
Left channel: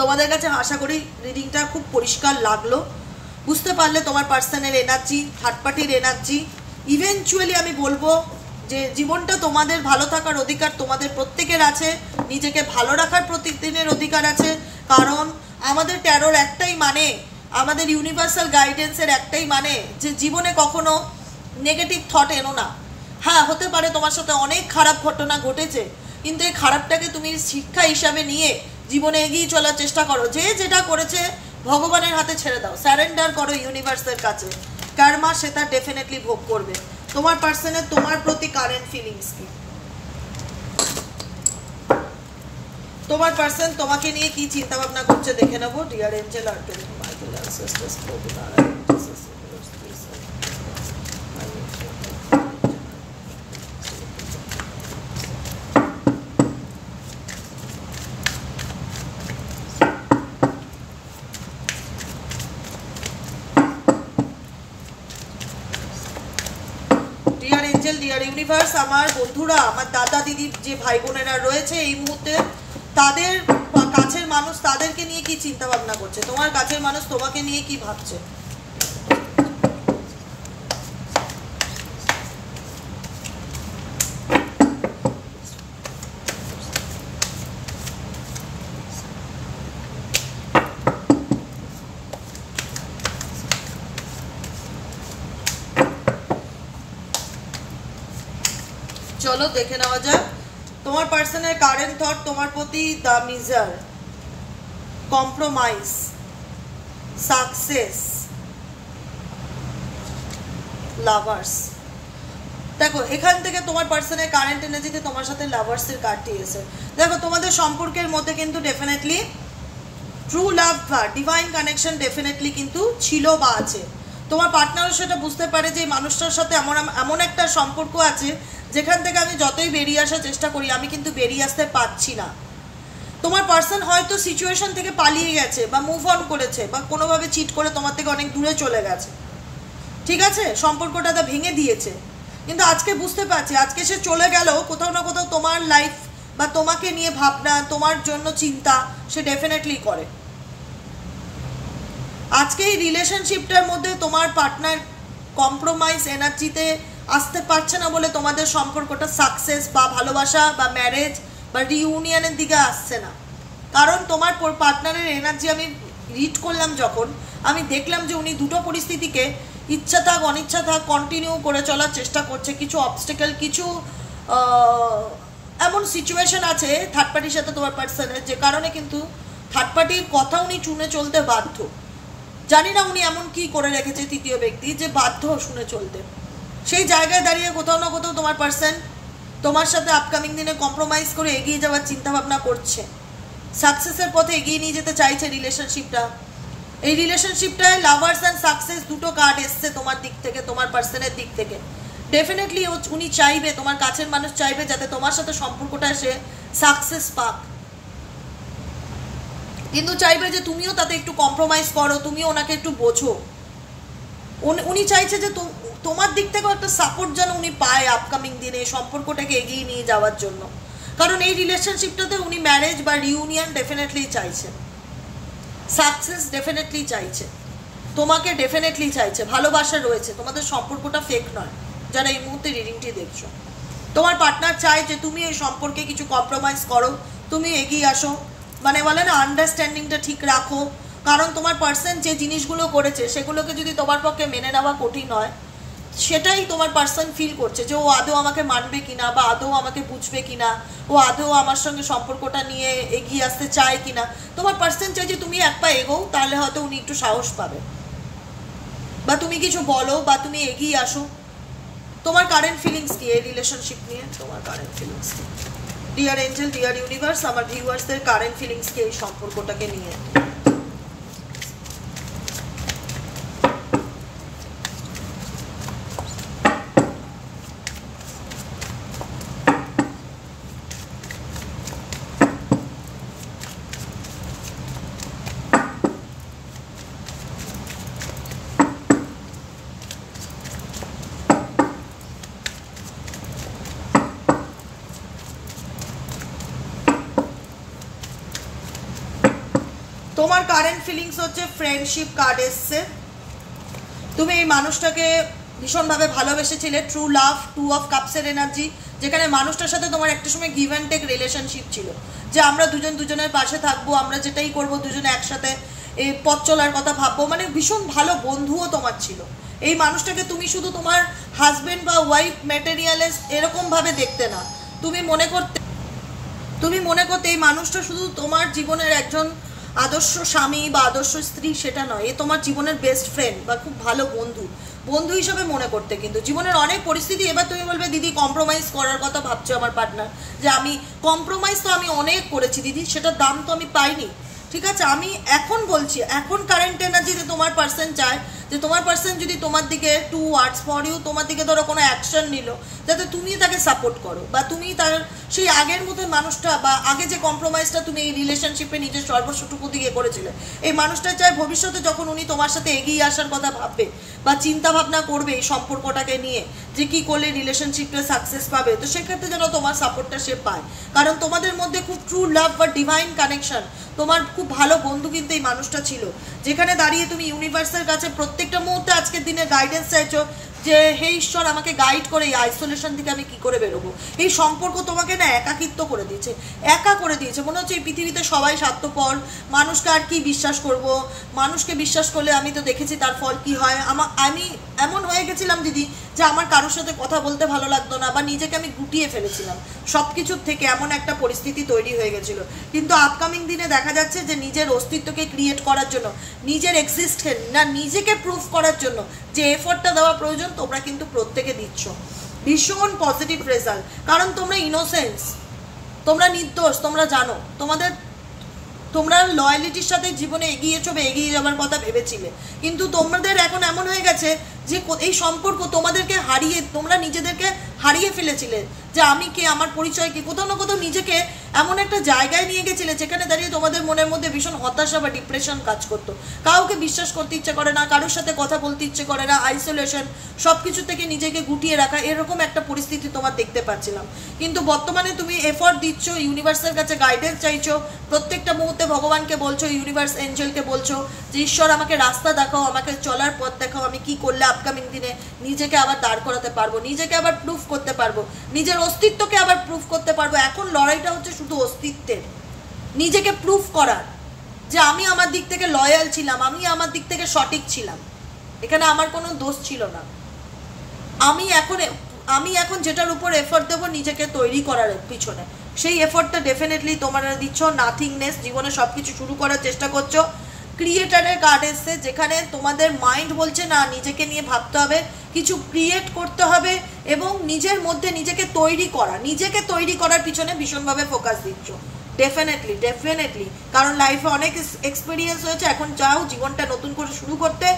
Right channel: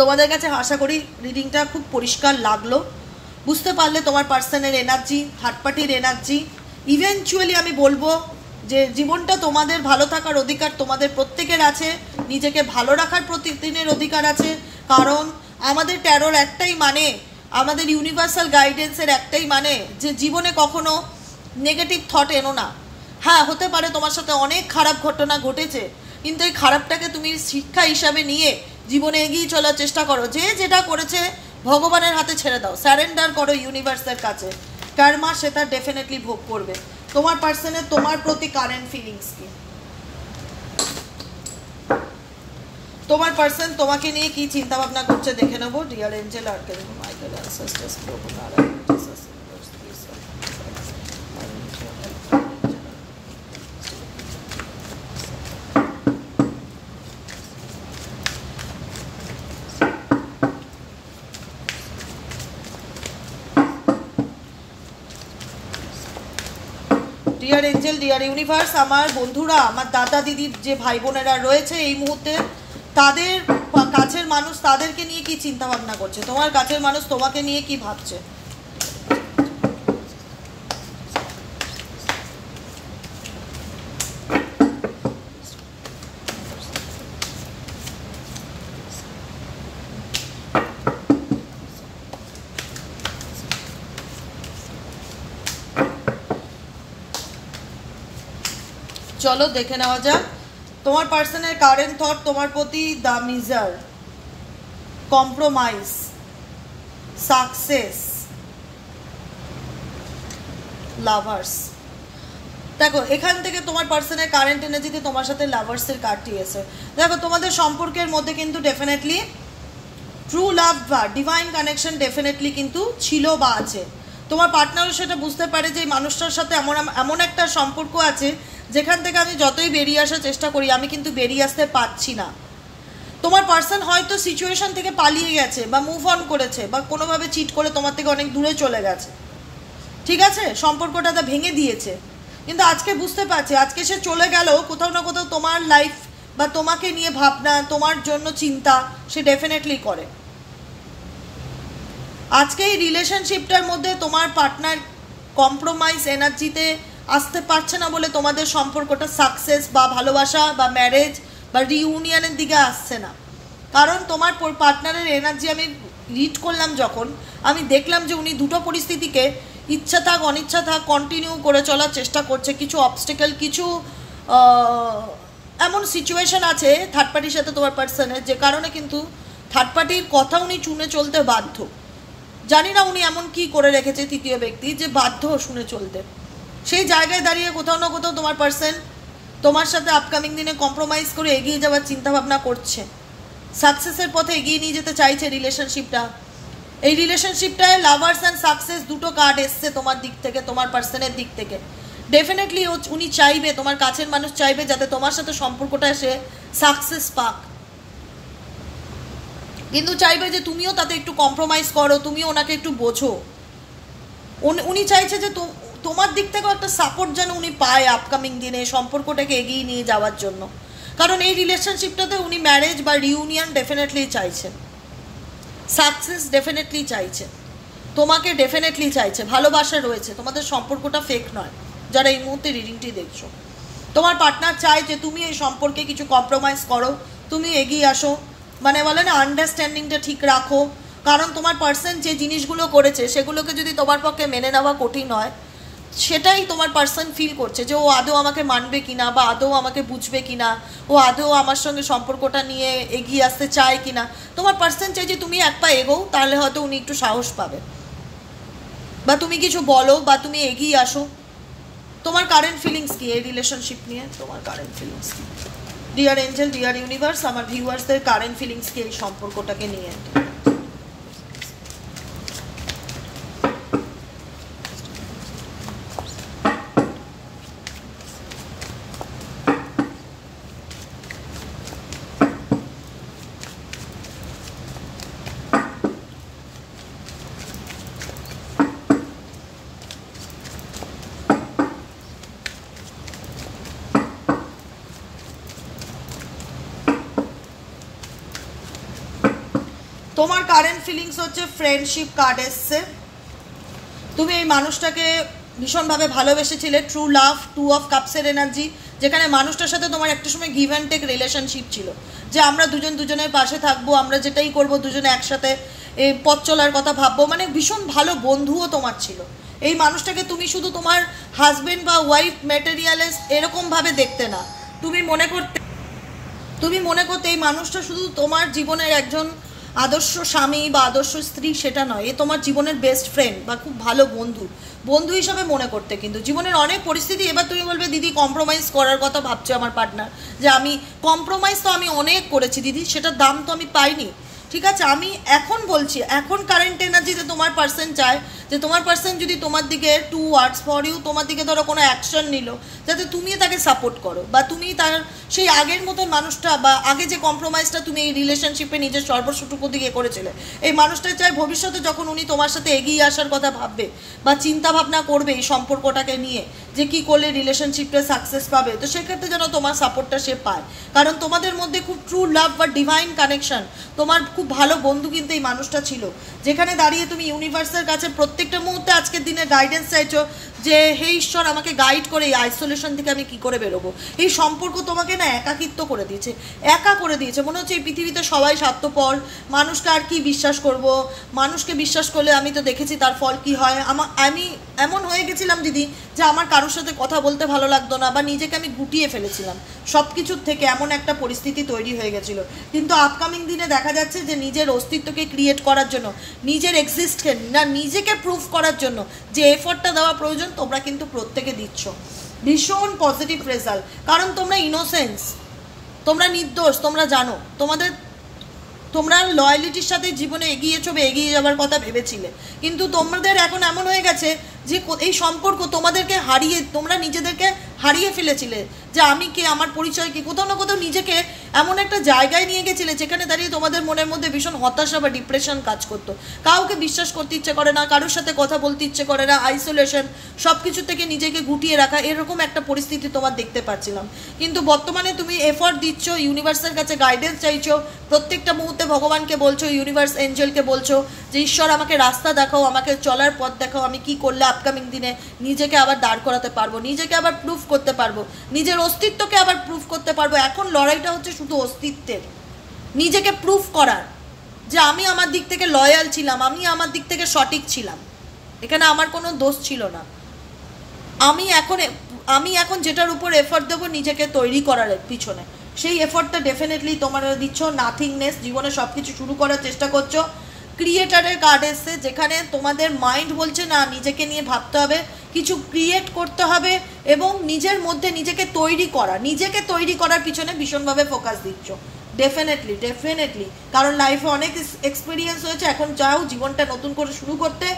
তোমাদের কাছে আশা করি রিডিংটা খুব পরিষ্কার লাগলো, বুঝতে পারলে তোমার পার্সনের এনার্জি, থার্ড পার্টির এনার্জি। ইভেনচুয়ালি আমি বলবো যে জীবনটা তোমাদের ভালো থাকার অধিকার তোমাদের প্রত্যেকের আছে, নিজেকে ভালো রাখার প্রতিদিনের অধিকার আছে। কারণ আমাদের ট্যারোর একটাই মানে, আমাদের ইউনিভার্সাল গাইডেন্সের একটাই মানে, যে জীবনে কখনো নেগেটিভ থট এনো না। হ্যাঁ, হতে পারে তোমার সাথে অনেক খারাপ ঘটনা ঘটেছে, কিন্তু এই খারাপটাকে তুমি শিক্ষা হিসাবে নিয়ে জীবনে এগিয়ে চলার চেষ্টা করো। যে যেটা করেছে ভগবানের হাতে ছেড়ে দাও, স্যারেন্ডার করো ইউনিভার্সের কাছে। কর্মা সেটা ডেফিনেটলি ভোগ করবে। তোমার পার্সনের তোমার প্রতি কারেন্ট ফিলিংস কি? তোমার পার্সন তোমাকে নিয়ে কি চিন্তা ভাবনা করছে দেখে নেবো। ডিয়ার এঞ্জেল, আর্কেল, Michael, ancestors, dear angel, dear universe, আমার বন্ধুরা, আমার দাদা দিদির যে ভাই বোনেরা রয়েছে এই মুহূর্তে, তাদের কাছের মানুষ তাদেরকে নিয়ে কি চিন্তা ভাবনা করছে, তোমার কাছের মানুষ তোমাকে নিয়ে কি ভাবছে। চলো দেখে নেওয়া যাক তোমার পার্সনের কারেন্ট থট তোমার প্রতি। The measure, compromise, success, lovers. দেখো এখান থেকে তোমার পার্সনের কারেন্ট এনার্জিতে তোমার সাথে লাভার্সের কার্ডটি এসে। দেখো তোমাদের সম্পর্কের মধ্যে কিন্তু ডেফিনেটলি ট্রু লাভ বা ডিভাইন কানেকশন ডেফিনেটলি কিন্তু ছিল বা আছে। তোমার পার্টনারও সেটা বুঝতে পারে যে মানুষটার সাথে এমন একটা সম্পর্ক আছে যেখান থেকে আমি যতই বেরিয়ে আসার চেষ্টা করি আমি কিন্তু বেরিয়ে আসতে পারছি না। তোমার পার্সন হয়তো সিচুয়েশন থেকে পালিয়ে গেছে বা মুভ অন করেছে বা কোনোভাবে চিট করে তোমার থেকে অনেক দূরে চলে গেছে, ঠিক আছে, সম্পর্কটা ভেঙে দিয়েছে। কিন্তু আজকে বুঝতে পারছি আজকে সে চলে গেলেও কোথাও না কোথাও তোমার লাইফ বা তোমাকে নিয়ে ভাবনা, তোমার জন্য চিন্তা সে ডেফিনেটলি করে। আজকে এই রিলেশনশিপটার মধ্যে তোমার পার্টনার কম্প্রোমাইজ এনার্জিতে আসতে পারছে না বলে তোমাদের সম্পর্কটা সাকসেস বা ভালোবাসা বা ম্যারেজ বা রিউনিয়নের দিকে আসছে না। কারণ তোমার পার্টনারের এনার্জি আমি রিড করলাম যখন, আমি দেখলাম যে উনি দুটো পরিস্থিতিকে ইচ্ছা থাক অনিচ্ছা থাক কন্টিনিউ করে চলার চেষ্টা করছে। কিছু অবস্টেকেল, কিছু এমন সিচুয়েশন আছে থার্ড পার্টির সাথে তোমার পার্সনের, যে কারণে কিন্তু থার্ড পার্টির কথা উনি শুনে চলতে বাধ্য। জানি না উনি এমন কি করে রেখেছে তৃতীয় ব্যক্তি যে বাধ্য শুনে চলতে। সেই জায়গায় দাঁড়িয়ে কোথাও না কোথাও তোমার পার্সন তোমার সাথে আপকামিং দিনে কম্প্রোমাইজ করে এগিয়ে যাওয়ার চিন্তাভাবনা করছে, সাকসেসের পথে এগিয়ে নিয়ে যেতে চাইছে রিলেশনশিপটা। এই রিলেশনশিপটায় লাভার্স অ্যান্ড সাকসেস দুটো কার্ড এসছে তোমার দিক থেকে, তোমার পার্সনের দিক থেকে। ডেফিনেটলি উনি চাইবে, তোমার কাছের মানুষ চাইবে যাতে তোমার সাথে সম্পর্কটা এসে সাকসেস পাক, কিন্তু চাইবে যে তুমিও তাতে একটু কম্প্রোমাইজ করো, তুমিও ওনাকে একটু বোঝো। উনি চাইছে যে তোমার দিক থেকেও একটা সাপোর্ট যেন উনি পায় আপকামিং দিনে সম্পর্কটাকে এগিয়ে নিয়ে যাওয়ার জন্য। কারণ এই রিলেশনশিপটাতে উনি ম্যারেজ বা রিউনিয়ন ডেফিনেটলি চাইছে, সাকসেস ডেফিনেটলি চাইছে, তোমাকে ডেফিনেটলি চাইছে, ভালোবাসা রয়েছে, তোমাদের সম্পর্কটা ফেক নয়। যারা এই মুহূর্তে রিডিংটি দেখছো, তোমার পার্টনার চায় যে তুমি এই সম্পর্কে কিছু কম্প্রোমাইজ করো, তুমি এগিয়ে আসো, মানে বলে না আন্ডারস্ট্যান্ডিংটা ঠিক রাখো। কারণ তোমার পার্সন যে জিনিসগুলো করেছে সেগুলোকে যদি তোমার পক্ষে মেনে নেওয়া কঠিন হয়, সেটাই তোমার পার্সন ফিল করছে যে ও আদৌ আমাকে মানবে কিনা, বা আদৌ আমাকে বুঝবে কিনা, ও আদৌ আমার সঙ্গে সম্পর্কটা নিয়ে এগিয়ে আসতে চায় কিনা। তোমার পার্সন চাই যে তুমি এক পা এগোও, তাহলে হয়তো উনি একটু সাহস পাবে, বা তুমি কিছু বলো, বা তুমি এগিয়ে আসো। তোমার কারেন্ট ফিলিংস কি এই রিলেশনশিপ নিয়ে? তোমার কারেন্ট ফিলিংস কি ডিয়ার এঞ্জেল, ডিয়ার ইউনিভার্স, আমার ভিউয়ার্সদের কারেন্ট ফিলিংস কি এই সম্পর্কটাকে নিয়ে? তোমার কারেন্ট ফিলিংস হচ্ছে ফ্রেন্ডশিপ কার্ড এসছে। তুমি এই মানুষটাকে ভীষণভাবে ভালোবেসেছিলে, ট্রু লাভ, টু অফ কাপসের এনার্জি, যেখানে মানুষটার সাথে তোমার একটা সময় গিভ অ্যান্ড টেক রিলেশনশিপ ছিল, যে আমরা দুজন দুজনের পাশে থাকবো, আমরা যেটাই করবো দুজনে একসাথে এই পথ চলার কথা ভাববো, মানে ভীষণ ভালো বন্ধুও তোমার ছিল। এই মানুষটাকে তুমি শুধু তোমার হাজবেন্ড বা ওয়াইফ ম্যাটেরিয়ালে এরকমভাবে দেখতে না, তুমি মনে করতে এই মানুষটা শুধু তোমার জীবনের একজন আদর্শ স্বামী বা আদর্শ স্ত্রী সেটা নয়, এ তোমার জীবনের বেস্ট ফ্রেন্ড বা খুব ভালো বন্ধু হিসাবে মনে করতে। কিন্তু জীবনের অনেক পরিস্থিতি, এবার তুমি বলবে দিদি কম্প্রোমাইজ করার কথা ভাবছো আমার পার্টনার, যে আমি কম্প্রোমাইজ তো আমি অনেক করেছি দিদি, সেটার দাম তো আমি পাইনি। ঠিক আছে, আমি এখন বলছি, এখন কারেন্ট এনার্জিতে তোমার পার্সন চায় যে তোমার পার্সন যদি তোমার দিকে টু ওয়ার্ডস ফর ইউ, তোমার দিকে ধরো কোনো অ্যাকশন নিল, যাতে তুমি তাকে সাপোর্ট করো, বা তুমি তার সেই আগের মতো মানুষটা, বা আগে যে কম্প্রোমাইজটা তুমি এই রিলেশনশিপে নিজের সর্বস্বটুকু দিকে করেছিলে, এই মানুষটা চায় ভবিষ্যতে যখন উনি তোমার সাথে এগিয়ে আসার কথা ভাববে বা চিন্তা ভাবনা করবে এই সম্পর্কটাকে নিয়ে, যে কি করলে রিলেশনশিপটা সাকসেস পাবে, তো সেক্ষেত্রে যেন তোমার সাপোর্টটা সে পায়। কারণ তোমাদের মধ্যে খুব ট্রু লাভ বা ডিভাইন কানেকশন, তোমার খুব ভালো বন্ধু কিন্তু এই মানুষটা ছিল, যেখানে দাঁড়িয়ে তুমি ইউনিভার্সের কাছে প্রত্যেকটা মুহূর্তে আজকের দিনে গাইডেন্স চাইছো যে হে ঈশ্বর আমাকে গাইড করে এই আইসোলেশন থেকে আমি কি করে বেরোবো। এই সম্পর্ক তোমাকে না একাকিত্ব করে দিয়েছে, একা করে দিয়েছে। মনে হচ্ছে এই পৃথিবীতে সবাই স্বার্থপর, মানুষকে আর কি বিশ্বাস করব, মানুষকে বিশ্বাস করলে আমি তো দেখেছি তার ফল কি হয়। আমি এমন হয়ে গেছিলাম দিদি যে আমার কারোর সাথে কথা বলতে ভালো লাগতো না, বা নিজেকে আমি গুটিয়ে ফেলেছিলাম সব কিছুর থেকে, এমন একটা পরিস্থিতি তৈরি হয়ে গেছিল। কিন্তু আপকামিং দিনে দেখা যাচ্ছে যে নিজের অস্তিত্বকে ক্রিয়েট করার জন্য, নিজের এক্সিস্টেন্স না নিজেকে প্রুফ করার জন্য যে এফোর্টটা দেওয়া প্রয়োজন তোমরা কিন্তু প্রত্যেকে দিচ্ছ। ভীষণ পজিটিভ রেজাল্ট, কারণ তোমরা ইনোসেন্স, তোমরা নির্দোষ, তোমরা জানো তোমরা লয়ালিটির সাথে জীবনে এগিয়েছো বা এগিয়ে যাওয়ার কথা ভেবেছিলে, কিন্তু তোমাদের এখন এমন হয়ে গেছে যে এই সম্পর্ক তোমাদেরকে তোমরা নিজেদেরকে হারিয়ে ফেলেছিলে, যে আমি কে, আমার পরিচয় কি, কোথাও না কোথাও নিজেকে এমন একটা জায়গায় নিয়ে গেছিলে যেখানে দাঁড়িয়ে তোমাদের মনের মধ্যে ভীষণ হতাশা বা ডিপ্রেশন কাজ করতো, কাউকে বিশ্বাস করতে ইচ্ছে করে না, কারোর সাথে কথা বলতে ইচ্ছে করে না, আইসোলেশন, সব কিছু থেকে নিজেকে গুটিয়ে রাখা, এরকম একটা পরিস্থিতি তোমার দেখতে পাচ্ছিলাম। কিন্তু বর্তমানে তুমি এফর্ট দিচ্ছ, ইউনিভার্সের কাছে গাইডেন্স চাইছো, প্রত্যেকটা মুহূর্তে ভগবানকে বলছো, ইউনিভার্স এঞ্জেলকে বলছো যে ঈশ্বর আমাকে রাস্তা দেখাও, আমাকে চলার পথ দেখাও, আমি কি করলে আপকামিং দিনে নিজেকে আবার দাঁড় করাতে পারবো, নিজেকে আবার প্রুফ করতে পারবো, নিজের অস্তিত্বকে আবার প্রুফ করতে পারবো। এখন লড়াইটা হচ্ছে শুধু অস্তিত্বের, নিজেকে প্রুফ করার যে আমি আমার দিক থেকে লয়াল ছিলাম, আমি আমার দিক থেকে সঠিক ছিলাম, এখানে আমার কোনো দোষ ছিল না। আমি এখন যেটার উপর এফর্ট দেবো নিজেকে তৈরি করার পিছনে, সেই এফর্টটা ডেফিনেটলি তোমরা দিচ্ছ। নাথিংনেস, জীবনে সব কিছু শুরু করার চেষ্টা করছো। ক্রিয়েটারের কার্ড এসছে, যেখানে তোমাদের মাইন্ড বলছে না নিজেকে নিয়ে ভাবতে হবে, কিছু ক্রিয়েট করতে হবে এবং নিজের মধ্যে নিজেকে তৈরি করার পিছনে ভীষণভাবে ফোকাস দিচ্ছ। ডেফিনেটলি কারণ লাইফে অনেক এক্সপিরিয়েন্স হয়েছে, এখন চাও জীবনটা নতুন করে শুরু করতে।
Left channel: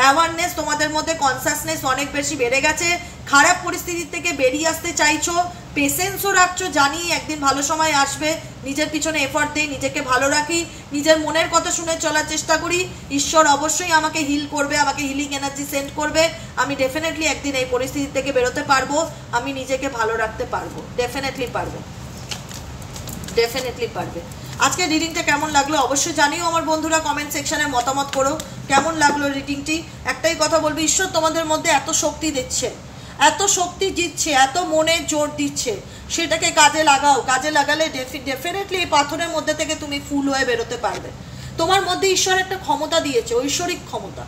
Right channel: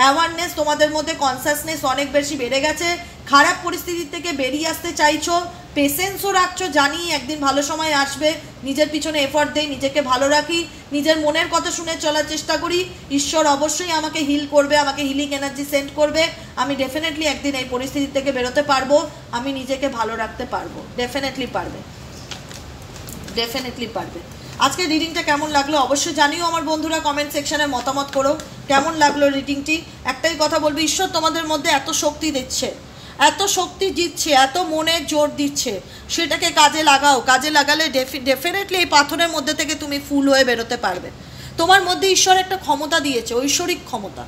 অ্যাওয়ারনেস তোমাদের মধ্যে, কনসাসনেস অনেক বেশি বেড়ে গেছে, খারাপ পরিস্থিতি থেকে বেরিয়ে আসতে চাইছো, পেশেন্সও রাখছো, জানি একদিন ভালো সময় আসবে, নিজের পিছনে এফর্ট দেই, নিজেকে ভালো রাখি, নিজের মনের কথা শুনে চলার চেষ্টা করি, ঈশ্বর অবশ্যই আমাকে হিল করবে, আমাকে হিলিং এনার্জি সেন্ড করবে, আমি ডেফিনেটলি একদিন এই পরিস্থিতি থেকে বেরোতে পারবো, আমি নিজেকে ভালো রাখতে পারবো, ডেফিনেটলি পারবে। আজকে রিডিংটা কেমন লাগলো অবশ্যই জানিও আমার বন্ধুরা, কমেন্ট সেকশনে মতামত করো কেমন লাগলো রিডিংটি। একটাই কথা বলবো, ঈশ্বর তোমাদের মধ্যে এত শক্তি দিচ্ছে, এত মনে জোর দিচ্ছে, সেটাকে কাজে লাগাও। কাজে লাগালে ডেফিনেটলি এই পাথরের মধ্যে থেকে তুমি ফুল হয়ে বেরোতে পারবে। তোমার মধ্যে ঈশ্বর একটা ক্ষমতা দিয়েছে, ঐশ্বরিক ক্ষমতা,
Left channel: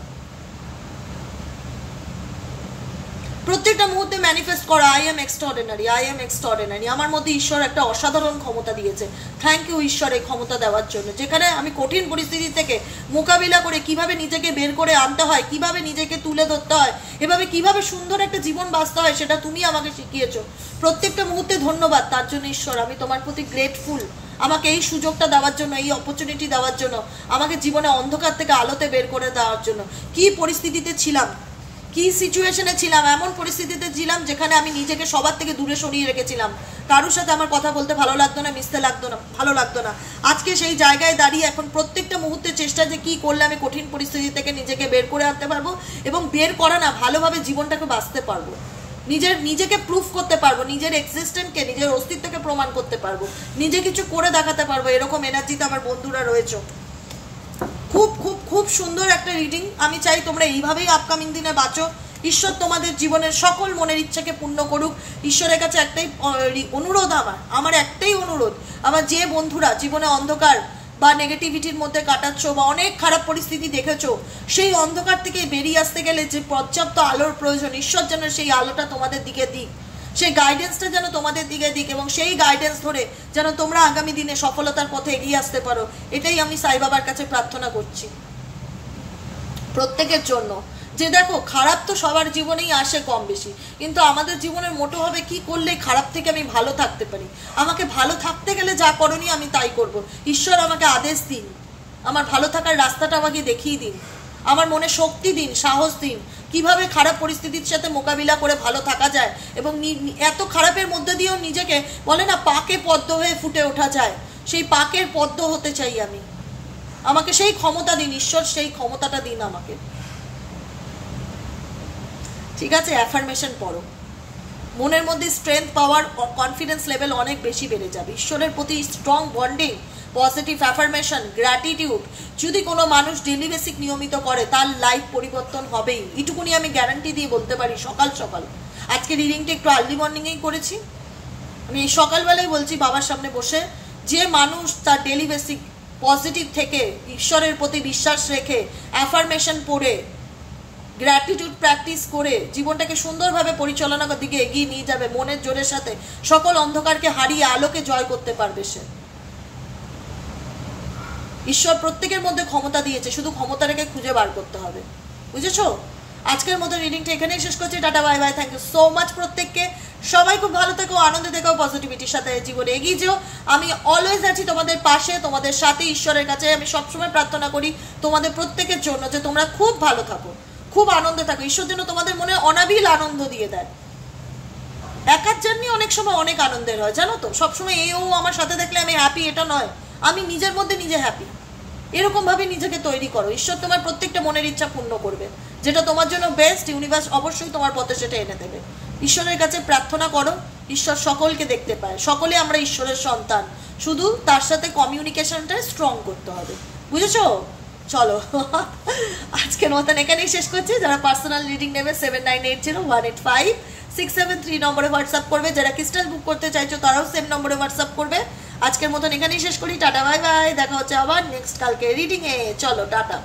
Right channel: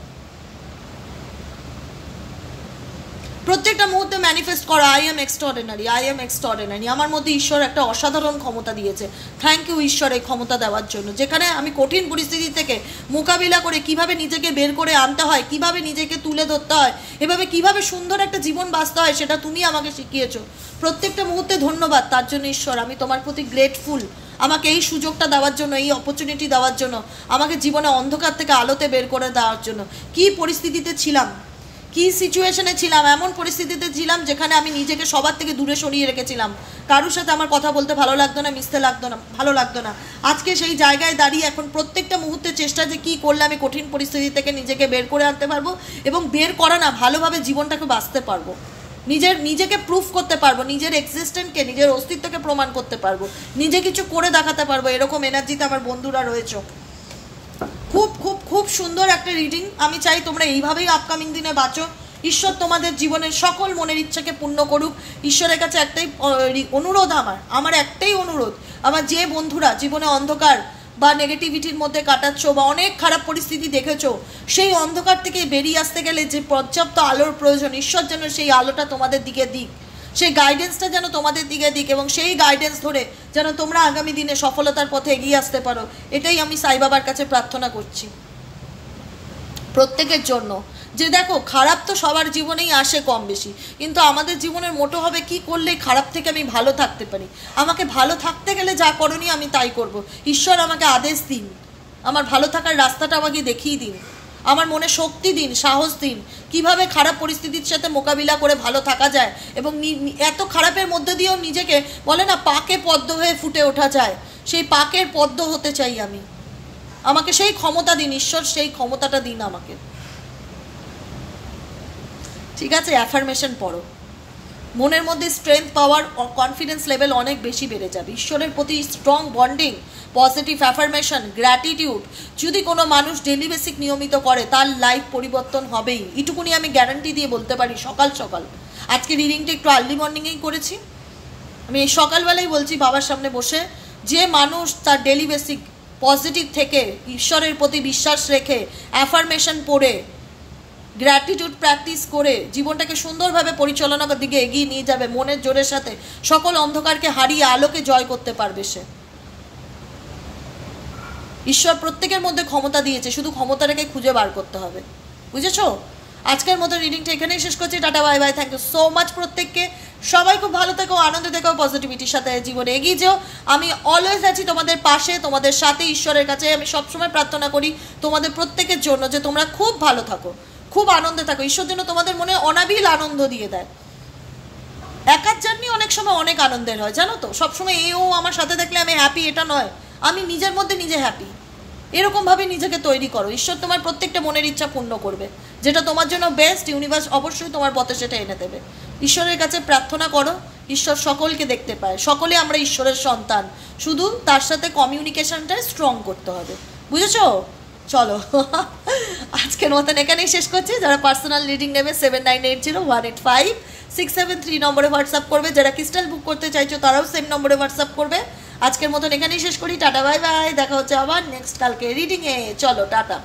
প্রত্যেকটা মুহূর্তে ম্যানিফেস্ট করা, আই এম এক্সট্রাঅর্ডিনারি। আমার মধ্যে ঈশ্বর একটা অসাধারণ ক্ষমতা দিয়েছে। থ্যাংক ইউ ঈশ্বর এই ক্ষমতা দেওয়ার জন্য, যেখানে আমি কঠিন পরিস্থিতি থেকে মোকাবিলা করে কিভাবে নিজেকে বের করে আনতে হয়, কিভাবে নিজেকে তুলে ধরতে হয়, এভাবে কিভাবে সুন্দর একটা জীবন বাঁচতে হয়, সেটা তুমি আমাকে শিখিয়েছো। প্রত্যেকটা মুহূর্তে ধন্যবাদ তার জন্য ঈশ্বর, আমি তোমার প্রতি গ্রেটফুল, আমাকে এই সুযোগটা দেওয়ার জন্য, এই অপরচুনিটি দেওয়ার জন্য, আমাকে জীবনে অন্ধকার থেকে আলোতে বের করে দেওয়ার জন্য। কি পরিস্থিতিতে ছিলাম, কি সিচুয়েশনে ছিলাম, এমন পরিস্থিতিতে ছিলাম যেখানে আমি নিজেকে সবার থেকে দূরে সরিয়ে রেখেছিলাম, কারোর সাথে আমার কথা বলতে ভালো লাগতো না, মিশতে ভালো লাগতো না। আজকে সেই জায়গায় দাঁড়িয়ে এখন প্রত্যেকটা মুহূর্তে চেষ্টা যে কি করলে আমি কঠিন পরিস্থিতি থেকে নিজেকে বের করে আনতে পারবো এবং বের করা না, ভালোভাবে জীবনটাকে বাঁচতে পারবো, নিজেকে প্রুফ করতে পারবো, নিজের এক্সিস্টেন্সকে, নিজের অস্তিত্বকে প্রমাণ করতে পারবো, নিজে কিছু করে দেখাতে পারবো। এরকম এনার্জিতে আমার বন্ধুরা রয়েছে। খুব খুব খুব সুন্দর একটা রিডিং। আমি চাই তোমরা এইভাবেই আপকামিং দিনে বাঁচো। ঈশ্বর তোমাদের জীবনের সকল মনের ইচ্ছাকে পূর্ণ করুক। ঈশ্বরের কাছে একটাই অনুরোধ, আমার একটাই অনুরোধ, আমার যে বন্ধুরা জীবনে অন্ধকার বা নেগেটিভিটির মধ্যে কাটাচ্ছ বা অনেক খারাপ পরিস্থিতি দেখেছো, সেই অন্ধকার থেকে বেরিয়ে আসতে গেলে যে পর্যাপ্ত আলোর প্রয়োজন, ঈশ্বর যেন সেই আলোটা তোমাদের দিকে দিক, সেই গাইডেন্সটা যেন তোমাদের দিকে দিক এবং সেই গাইডেন্স ধরে যেন তোমরা আগামী দিনে সফলতার পথে এগিয়ে আসতে পারো। এটাই আমি সাই বাবার কাছে প্রার্থনা করছি প্রত্যেকের জন্য। যে দেখো, খারাপ তো সবার জীবনেই আসে কম বেশি, কিন্তু আমাদের জীবনের মোটো হবে কি করলে খারাপ থেকে আমি ভালো থাকতে পারি। আমাকে ভালো থাকতে গেলে যা করণীয় আমি তাই করব। ঈশ্বর আমাকে আদেশ দিন, আমার ভালো থাকার রাস্তাটা আমাকে দেখিয়ে দিন, আমার মনে শক্তি দিন, সাহস দিন, কিভাবে খারাপ পরিস্থিতির সাথে মোকাবিলা করে ভালো থাকা যায় এবং এত খারাপের মধ্যে দিয়েও নিজেকে বলে না পাকে পদ্ম হয়ে ফুটে ওঠা যায়, সেই পাকের পদ্ম হতে চাই আমি। আমাকে সেই ক্ষমতা দিন ঈশ্বর, সেই ক্ষমতাটা দিন আমাকে। ঠিক আছে, অ্যাফার্মেশন পড়ো, মনের মধ্যে স্ট্রেংথ পাওয়ার, কনফিডেন্স লেভেল অনেক বেশি বেড়ে যাবে। ঈশ্বরের প্রতি strong bonding, positive affirmation, gratitude যদি কোনো মানুষ ডেলি বেসিক নিয়মিত করে তার লাইফ পরিবর্তন হবেই, এটুকুনি আমি গ্যারান্টি দিয়ে বলতে পারি। সকাল সকাল আজকে রিডিংটা একটু আর্লি মর্নিংয়েই করেছি, আমি এই সকালবেলাই বলছি বাবার সামনে বসে, যে মানুষ তার ডেলি বেসিক পজিটিভ থেকে ঈশ্বরের প্রতি বিশ্বাস রেখে অ্যাফার্মেশন পড়ে গ্র্যাটিটিউড প্র্যাকটিস করে জীবনটাকে সুন্দরভাবে পরিচালনার দিকে এগিয়ে নিয়ে যাবে, মনের জোরের সাথে সকল অন্ধকারকে হারিয়ে আলোকে জয় করতে পারবে সে। ঈশ্বর প্রত্যেকের মধ্যে ক্ষমতা দিয়েছে, শুধু ক্ষমতাটাকে খুঁজে বার করতে হবে, বুঝেছো? আজকের মতো রিডিংটা এখানেই শেষ করছি। Tata, bye bye, thank you so much প্রত্যেককে। সবাই খুব ভালো থেকো, আনন্দ থেকো, পজিটিভিটির সাথে জীবনে এগিয়ে যেও। আমি অলওয়েজ আছি তোমাদের পাশে, তোমাদের সাথে। ঈশ্বরের কাছে আমি সবসময় প্রার্থনা করি তোমাদের প্রত্যেকের জন্য যে তোমরা খুব ভালো থাকো, খুব আনন্দে থাকো। ঈশ্বর যেন তোমাদের মনে অনাবিল আনন্দ দিয়ে দেয়। একার জার্নি অনেক সময় অনেক আনন্দের হয়, জানো তো। সবসময় এও আমার সাথে দেখলে আমি হ্যাপি এটা নয়, আমি নিজের মধ্যে নিজে হ্যাপি। এরকমভাবে নিজেকে তৈরি করো, ঈশ্বর তোমার প্রত্যেকটা মনের ইচ্ছা পূর্ণ করবে, যেটা তোমার জন্য বেস্ট। ইউনিভার্স অবশ্যই তোমার পথে সেটা এনে দেবে। ঈশ্বরের কাছে প্রার্থনা করো, ঈশ্বর সকলকে দেখতে পায়, সকলে আমরা ঈশ্বরের সন্তান, শুধু তার সাথে কমিউনিকেশনটা স্ট্রং করতে হবে, বুঝেছো? চলো আজকের মতন এখানেই শেষ করছি। যারা পার্সোনাল রিডিং নেবে 7980185673 নম্বরে হোয়াটসঅ্যাপ করবে। যারা ক্রিস্টাল বুক করতে চাইছো তারাও সেম নম্বরে হোয়াটসঅ্যাপ করবে। আজকের মতন এখানেই শেষ করি। টাটা, বাই বাই, দেখা হচ্ছে আবার নেক্সট কালকে রিডিংয়ে। চলো টাটা।